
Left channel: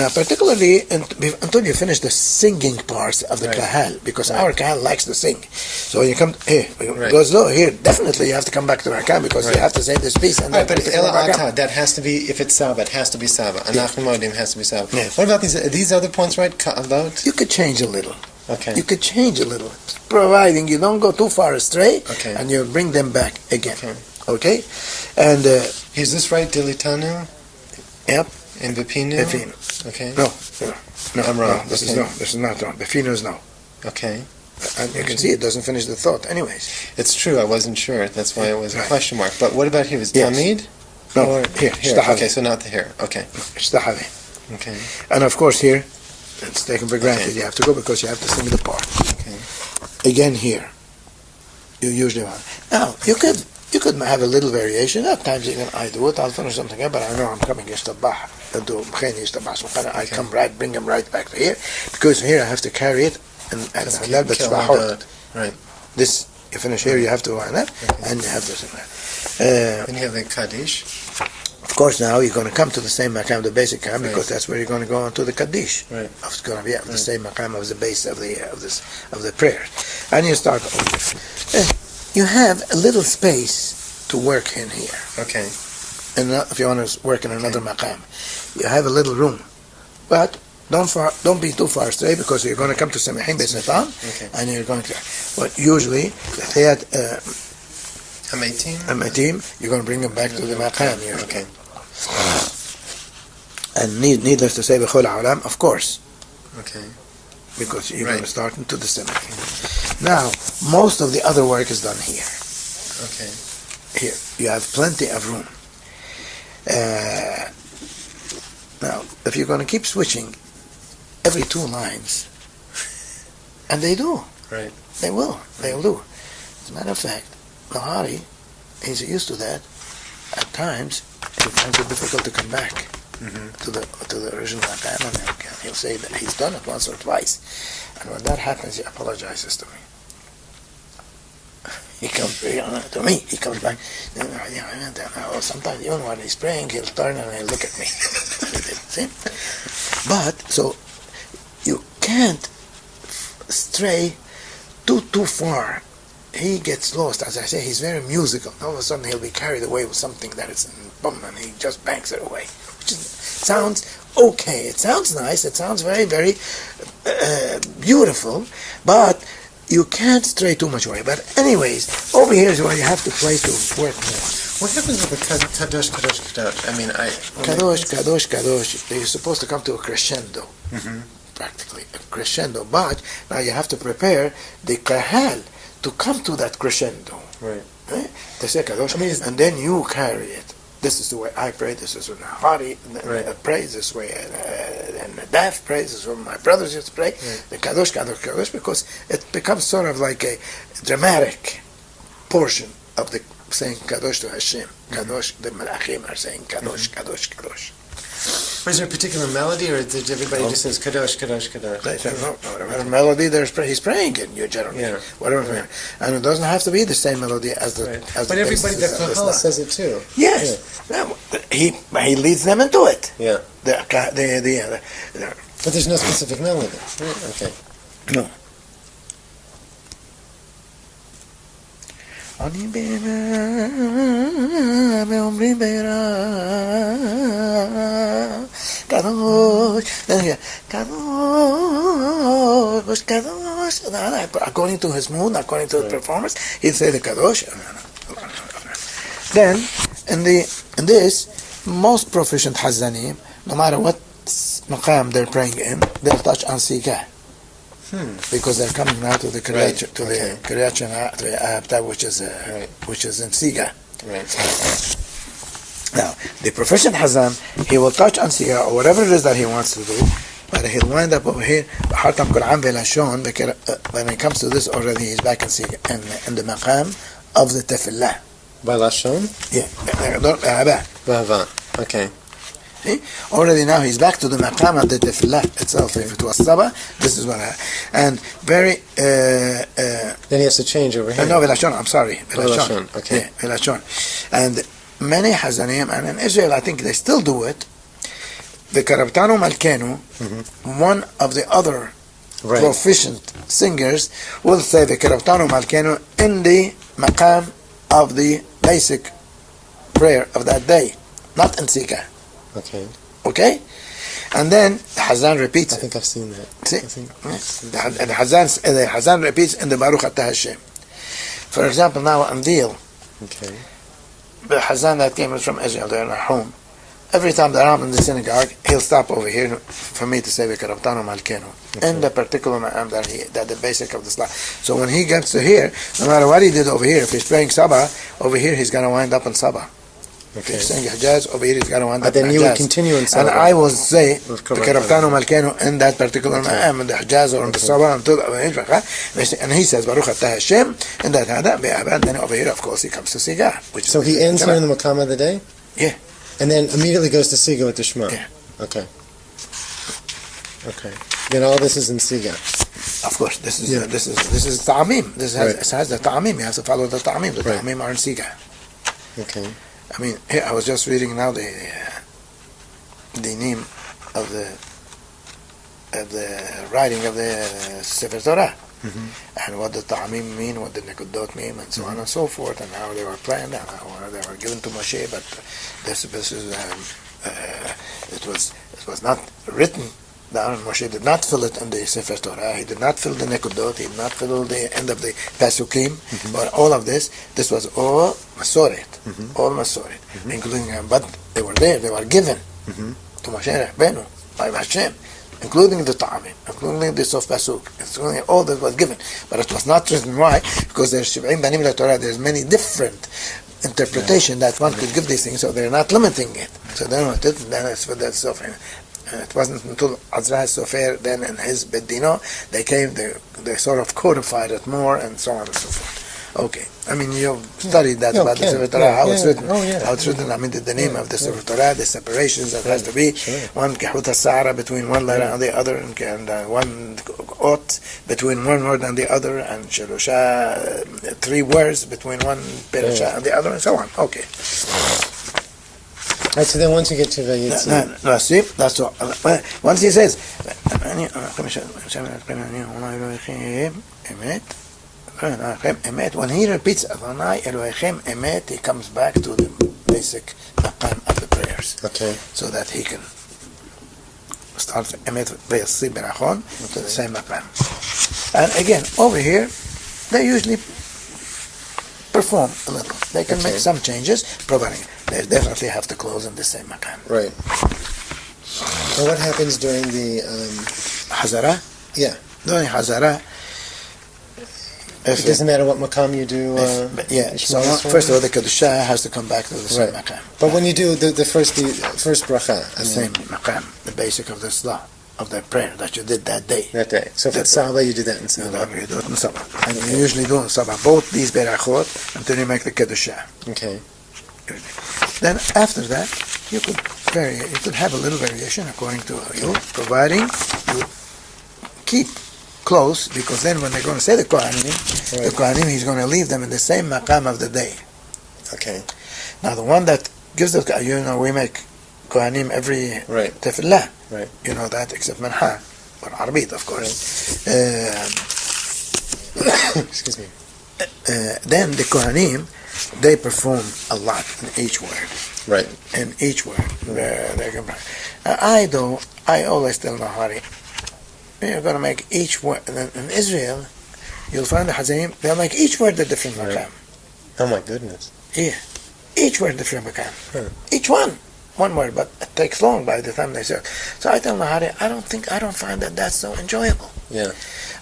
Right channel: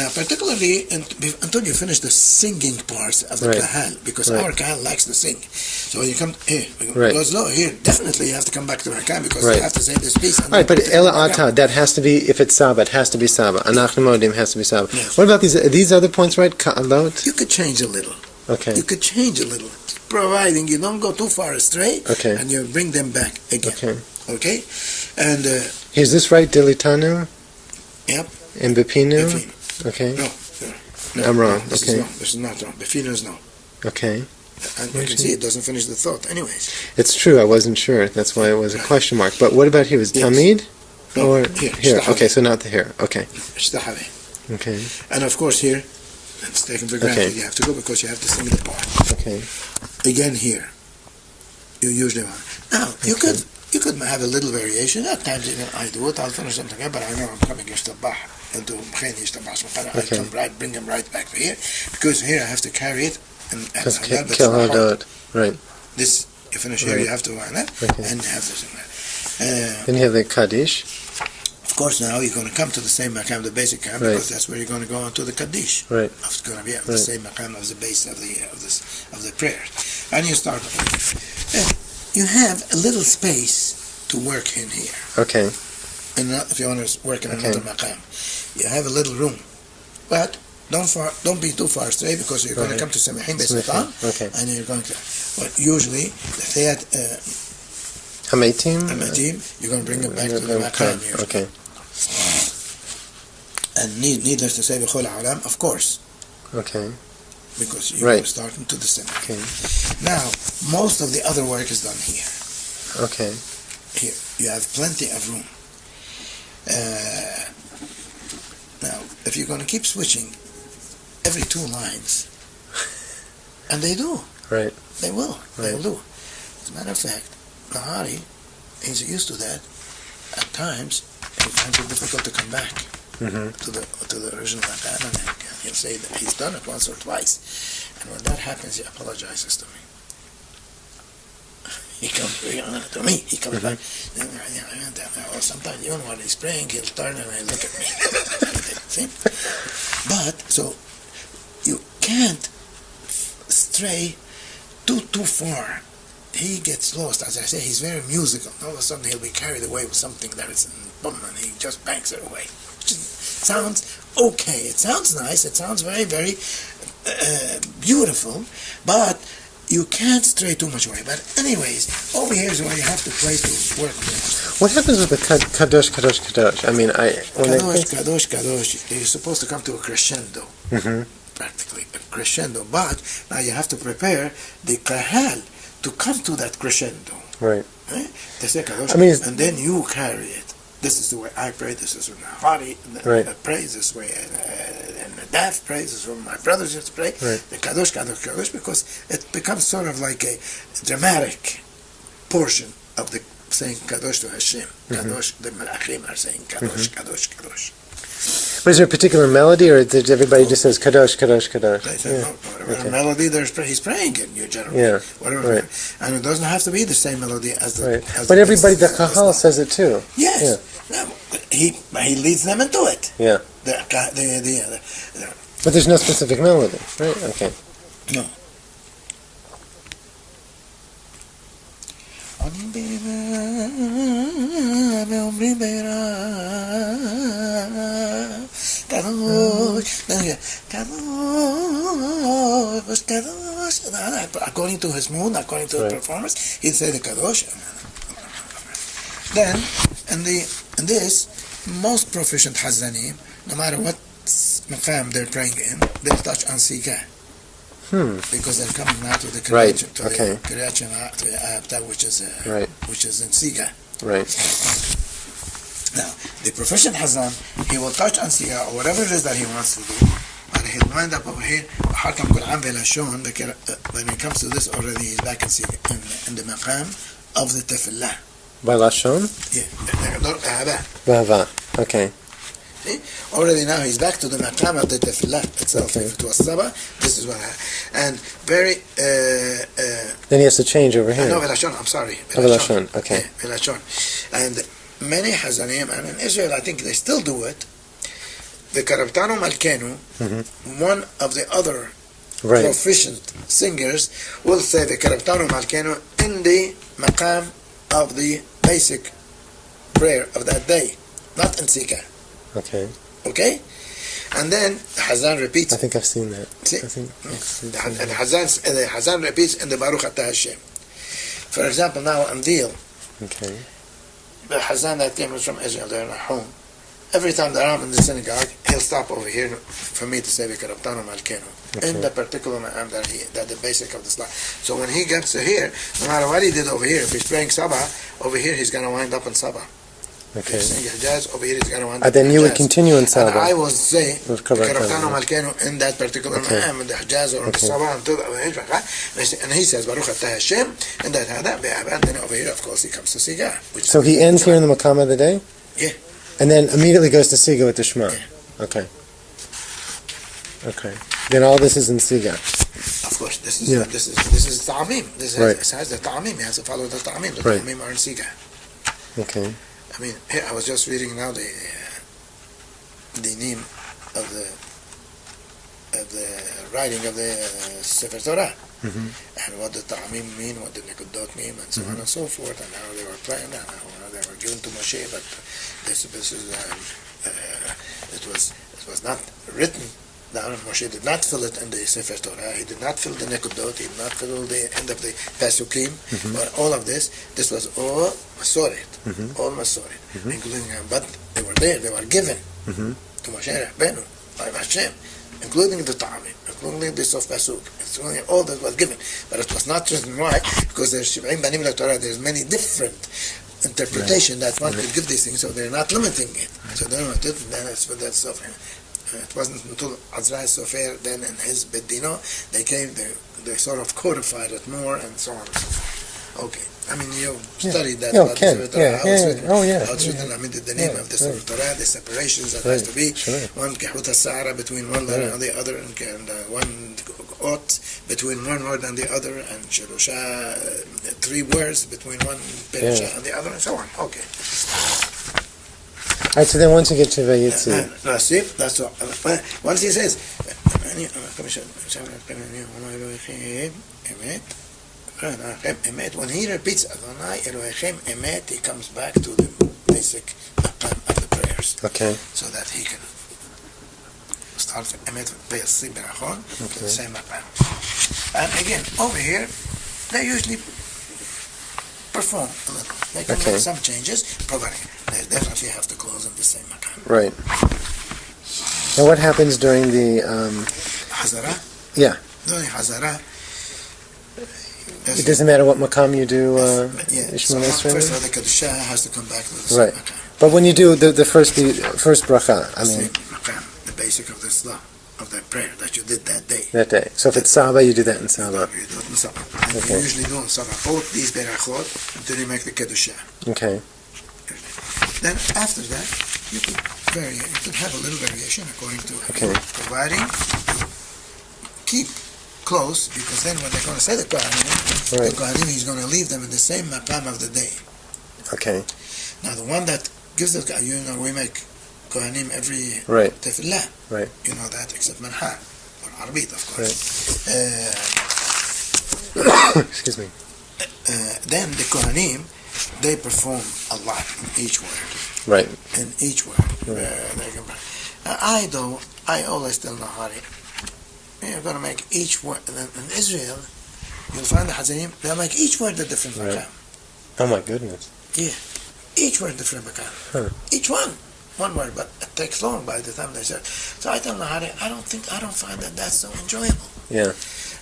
particularly until you finish the singing parts of the kahal, because our kahal likes to sing. So you come here, goes low here. Definitely, you have to come back to Rakam because you have to say this piece. And right, but Ela Ata, that has to be, if it's Saba, it has to be Saba. Anachnu Modim has to be Saba. Yes. What about these other points, right? Ka'alot? You could change a little. Okay. You could change a little, providing you don't go too far astray, and you bring them back again. Okay? And is this right, Dilitanu? Yep. And Bepinu? Bepinu. Okay. No, I'm wrong. This is not wrong. Bepinu is no. Okay. I can see it doesn't finish the thought. Anyways. It's true. I wasn't sure. That's why it was a question mark. But what about here? Was Tamid? No. Or here. Okay, so not the here. Okay. Okay. And of course here, it's taken for granted. You have to go because you have to sing the part. Okay. Again here, you usually want. Now you could have a little variation. At times even I do it. I'll finish something here, but I know I'm coming Yishtabah. I come bring them right back to here because here I have to carry it and right. This you finish here, you have to wind up, and you have this. Then you have the Kaddish. Of course, now you're going to come to the same maqam, the basic maqam, because that's where you're going to go on to the Kaddish. Right. It's going to be the same maqam of the base of the prayers, and you start over. You have a little space to work in here. Okay. And if you want to work in another maqam, you have a little room, but don't be too far astray because you're going to come to Samihin Beisnetam, and you're going to. But usually, Hamatim, you're going to bring them back to the maqam. Okay. And needless to say, B'chol Ha'olam, of course. Okay. Because you're going to start into the Semach. Now, most of the other work is done here. Okay. Here, you have plenty of room. Now, if you're going to keep switching every 2 lines, and they do. Right. They will. They'll do. As a matter of fact, Nahari, he's used to that. At times, he finds it difficult to come back to the original maqam, and he'll say that he's done it once or twice. And when that happens, he apologizes to me. He comes to me. He comes back. Sometimes even when he's praying, he'll turn and he'll look at me. See? But so you can't stray too far. He gets lost. As I say, he's very musical. All of a sudden, he'll be carried away with something that is boom, and he just bangs it away. Which sounds okay. It sounds nice. It sounds very, very beautiful. But you can't stray too much away. But anyways, over here is where you have to play to work more. What happens with the kadosh, kadosh, kadosh? I mean, kadosh. You're supposed to come to a crescendo. Practically a crescendo. But now you have to prepare the kahal to come to that crescendo. Right. They say kadosh, and then you carry it. This is the way I pray. This is the Hari prays this way, and the Daf prays this way. My brothers used to pray the kadosh, kadosh, kadosh, because it becomes sort of like a dramatic portion of the saying kadosh to Hashem. Kadosh, the Malachim are saying kadosh, kadosh, kadosh. Was there a particular melody, or did everybody just says kadosh, kadosh, kadosh? They said no, whatever melody he's praying in, you generally. Whatever, and it doesn't have to be the same melody as the. As but everybody, the kahal says it too. Yes, he leads them into it. Yeah. But there's no specific melody, right? Okay. No. According to his mood, according to the performance, he'd say the kadosh. Then, in this, most proficient Hazzanim, no matter what maqam they're praying in, they'll touch on Sikah. Because they're coming now to the Kriyat Shema, which is in Siga. Right. Now, the proficient Hazan, he will touch on Siga or whatever it is that he wants to do, but he'll wind up over here. When it comes to this already, he's back in Siga, in the maqam of the Tefillah. By Lashon? Yeah. Ba'ava. Okay. See? Already now he's back to the maqam of the tefillah itself. Okay. If it was Saba, this is what I... And very... Then he has to change over here. No, Velashon, I'm sorry. Velashon, okay. Yeah, Velashon. And many Hazanim, and in Israel I think they still do it, the Karabtanu Malkenu, one of the other proficient singers will say the Karabtanu Malkenu in the maqam of the basic prayer of that day, not in Sika. Okay. Okay? And then Hazan repeats. I think I've seen that. See? I think And the Hazan repeats in the Baruch Atah Hashem. For example, now on Deal, okay. the Hazan that came from Israel, they're at home. Every time they're out in the synagogue, he'll stop over here for me to say the Karabtanu Malkenu in the particular ma'am that the basic of the Salah. So when he gets to here, no matter what he did over here, if he's praying Sabah, over here he's going to wind up in Sabah. Okay. If he's saying Hijaz, over here he's going to wind up Then in you Hijaz. would continue in Sabah. And I will say the With Karabtanu Malkenu in that particular ma'am, in the Hijaz or in the Okay. Sabah, and he says Baruch Atah Hashem, and then over here, of course, he comes to Sigah. So he ends here in the Maqam of the day? Yeah. And then immediately goes to Siga with the Shema? Yeah. Okay. Okay. Then all this is in Siga? Of course, this is ta'amim. This has the ta'amim. You have to follow the ta'amim. The ta'amim are in Siga. Okay. I mean, here, I was just reading now the name of the writing of the Sefer Torah, and what the ta'amim mean, what the nekudot mean, and so on and so forth, and how they were planned, and how they were given to Moshe. But this is it was not written down. Moshe did not fill it in the Sefer Torah. He did not fill the nekudot. He did not fill the end of the pasukim. Or all of this was all masoret, all masoret, including. But they were there. They were given to Moshe Rabbeinu by Hashem, including the ta'amim, including the sof pasuk, including all that was given. But it was not written. Why? Because there's 70 banim la Torah. There's many different interpretation that one could give these things, so they're not limiting it. So then what it, then it's for that sofer. And it wasn't until Azra Sofer then and his Bedino, they sort of codified it more and so on and so forth. Okay. I mean, you've studied that about the Sefer Torah, how it's written. How it's written, I mean, the name of the Sefer Torah, the separations that has to be. One Kehut HaSa'ara between one letter and the other, and one Ot between one word and the other, and Shalosha, 3 words between one Perasha and the other, and so on. Okay. All right, so then once you get to Vayitzi... No, see, that's all. Once he says, when he repeats Adonai Elohechem Emet, he comes back to the basic maqam of the prayers. Okay. So that he can start Emet Vayitzi Berachon to the same maqam. And again, over here, they usually perform a little. They can make some changes, providing they definitely have to close in the same maqam. Right. Now what happens during the... Hazara? Yeah. During Hazara, it doesn't matter what maqam you do. So first of all, the kedusha has to come back to the same maqam. But when you do the first bracha, I mean, same maqam, the basic of the salah, of the prayer that you did that day. That day. So if it's Saba, you do that in Saba. You do it in Saba. And you usually do in Saba both these berachot until you make the kedusha. Okay. Then after that, you could vary. You could have a little variation according to providing you keep close, because then when they're going to say the Kohanim, he's going to leave them in the same maqam of the day. Okay. Now the one that gives the, we make Kohanim every tefillah. Right. You know that, except Manha, or Arbit, of course. Excuse me. Then the Kohanim, they perform a lot in each word. Right. In each word. I always tell Nahari, you're going to make each word. In Israel, you'll find the Hazanim, they'll make each word a different maqam. Oh my goodness. Yeah. Each word different maqam. Each one word, but it takes long by the time they say it. So I tell Nahari, I don't find that that's so enjoyable. Yeah.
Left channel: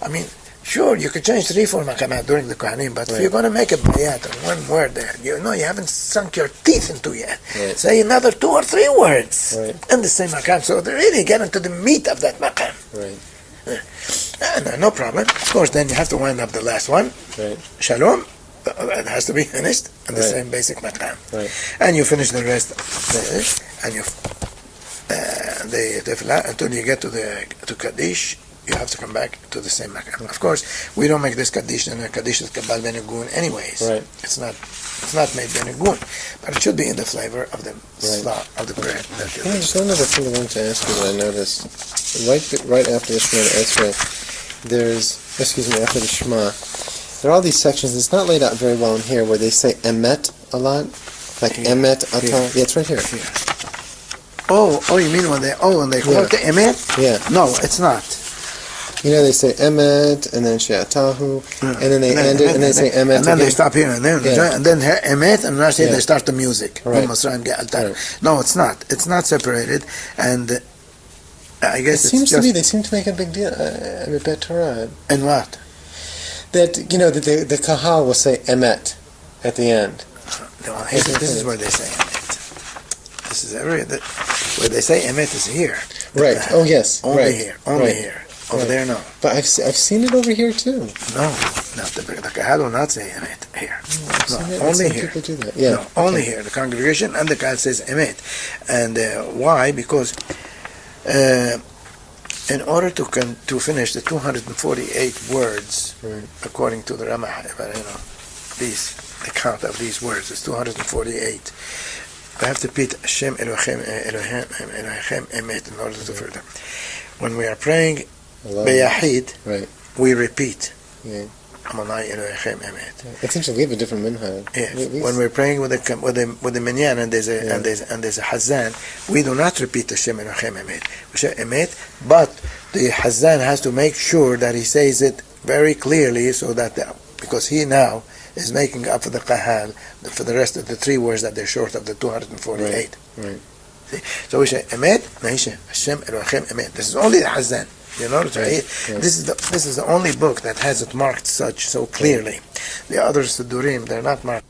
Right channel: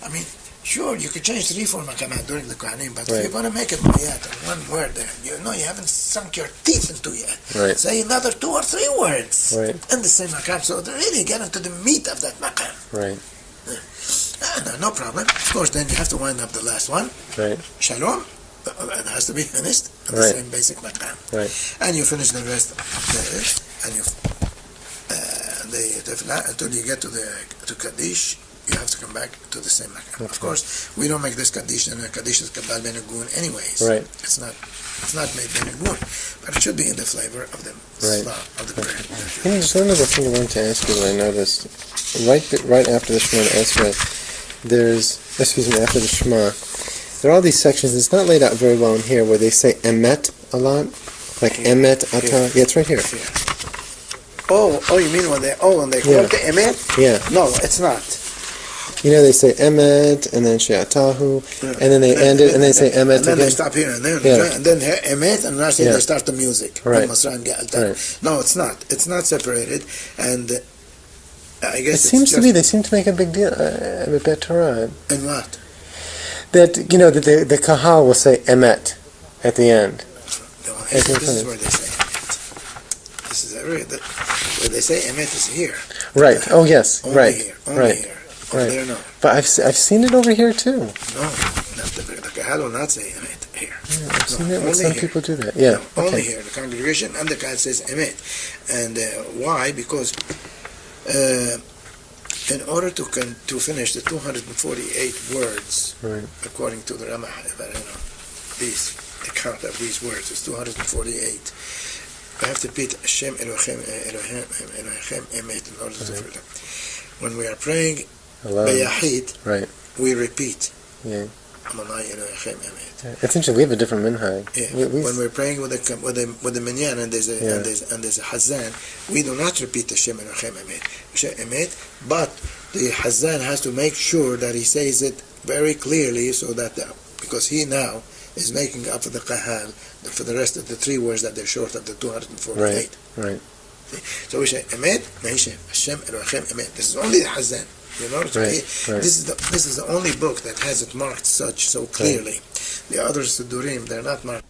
I mean, sure, you could change 3-4 maqamat during the Kohanim, but if you're going to make a bayat on one word, you haven't sunk your teeth into yet. Right. Say another 2 or 3 words in the same maqam, so they really get into the meat of that maqam. Right. No problem. Of course, then you have to wind up the last one. Right. Shalom. It has to be finished in the same basic maqam. Right. And you finish the rest, and you and they tefillah until you get to Kaddish. You have to come back to the same Maqam. Of course, we don't make this Kaddish and Kaddish is Kabbal Ben Agun anyways. Right. It's not made Ben Agun, but it should be in the flavor of the slot of the bread. Just one other thing I wanted to ask you that I noticed. Right after the Shema Esrei, after the Shema, there are all these sections. It's not laid out very well in here where they say emet a lot, like emet ata. Yeah, it's right here. Oh, you mean when they call it emet? Yeah. No, it's not. They say emet and then she'atahu, and then they end it and they say emet and then again. they stop here and then emet, and then they start the music. Right. No, it's not. It's not separated, and I guess it seems to be. They seem to make a big deal. Bet Torah. And what? That that the kahal will say emet at the end. This is what they say. This is where they say emet is here. Right. Oh yes. Only right. Here. Only right. here. Over there, no. But I've seen it over here too. No, the kahal will not say emet here. Yeah, I've seen it. When some people do that. Yeah. No, only here. The congregation and the kahal says emet, and why? Because in order to finish the 248 words, right. according to the Ramah, the count of these words is 248. We have to repeat Hashem Elohim Emet in order to do them. When we are praying Beyahid, right. we repeat. Yeah. Amonai Elohim Emet. It's interesting. We have a different minhag. Yes. When we're praying with the minyan and there's a hazan, we do not repeat the Shem Elohim Emet, but the hazan has to make sure that he says it very clearly, so that because he now is making up for the kahal for the rest of the three words that they're short of the 248. Right. See? So we say Emet, Hashem Elohim Emet. This is only the hazan. You know, right. This is the only book that has it marked so clearly. The other Sidurim, they're not marked.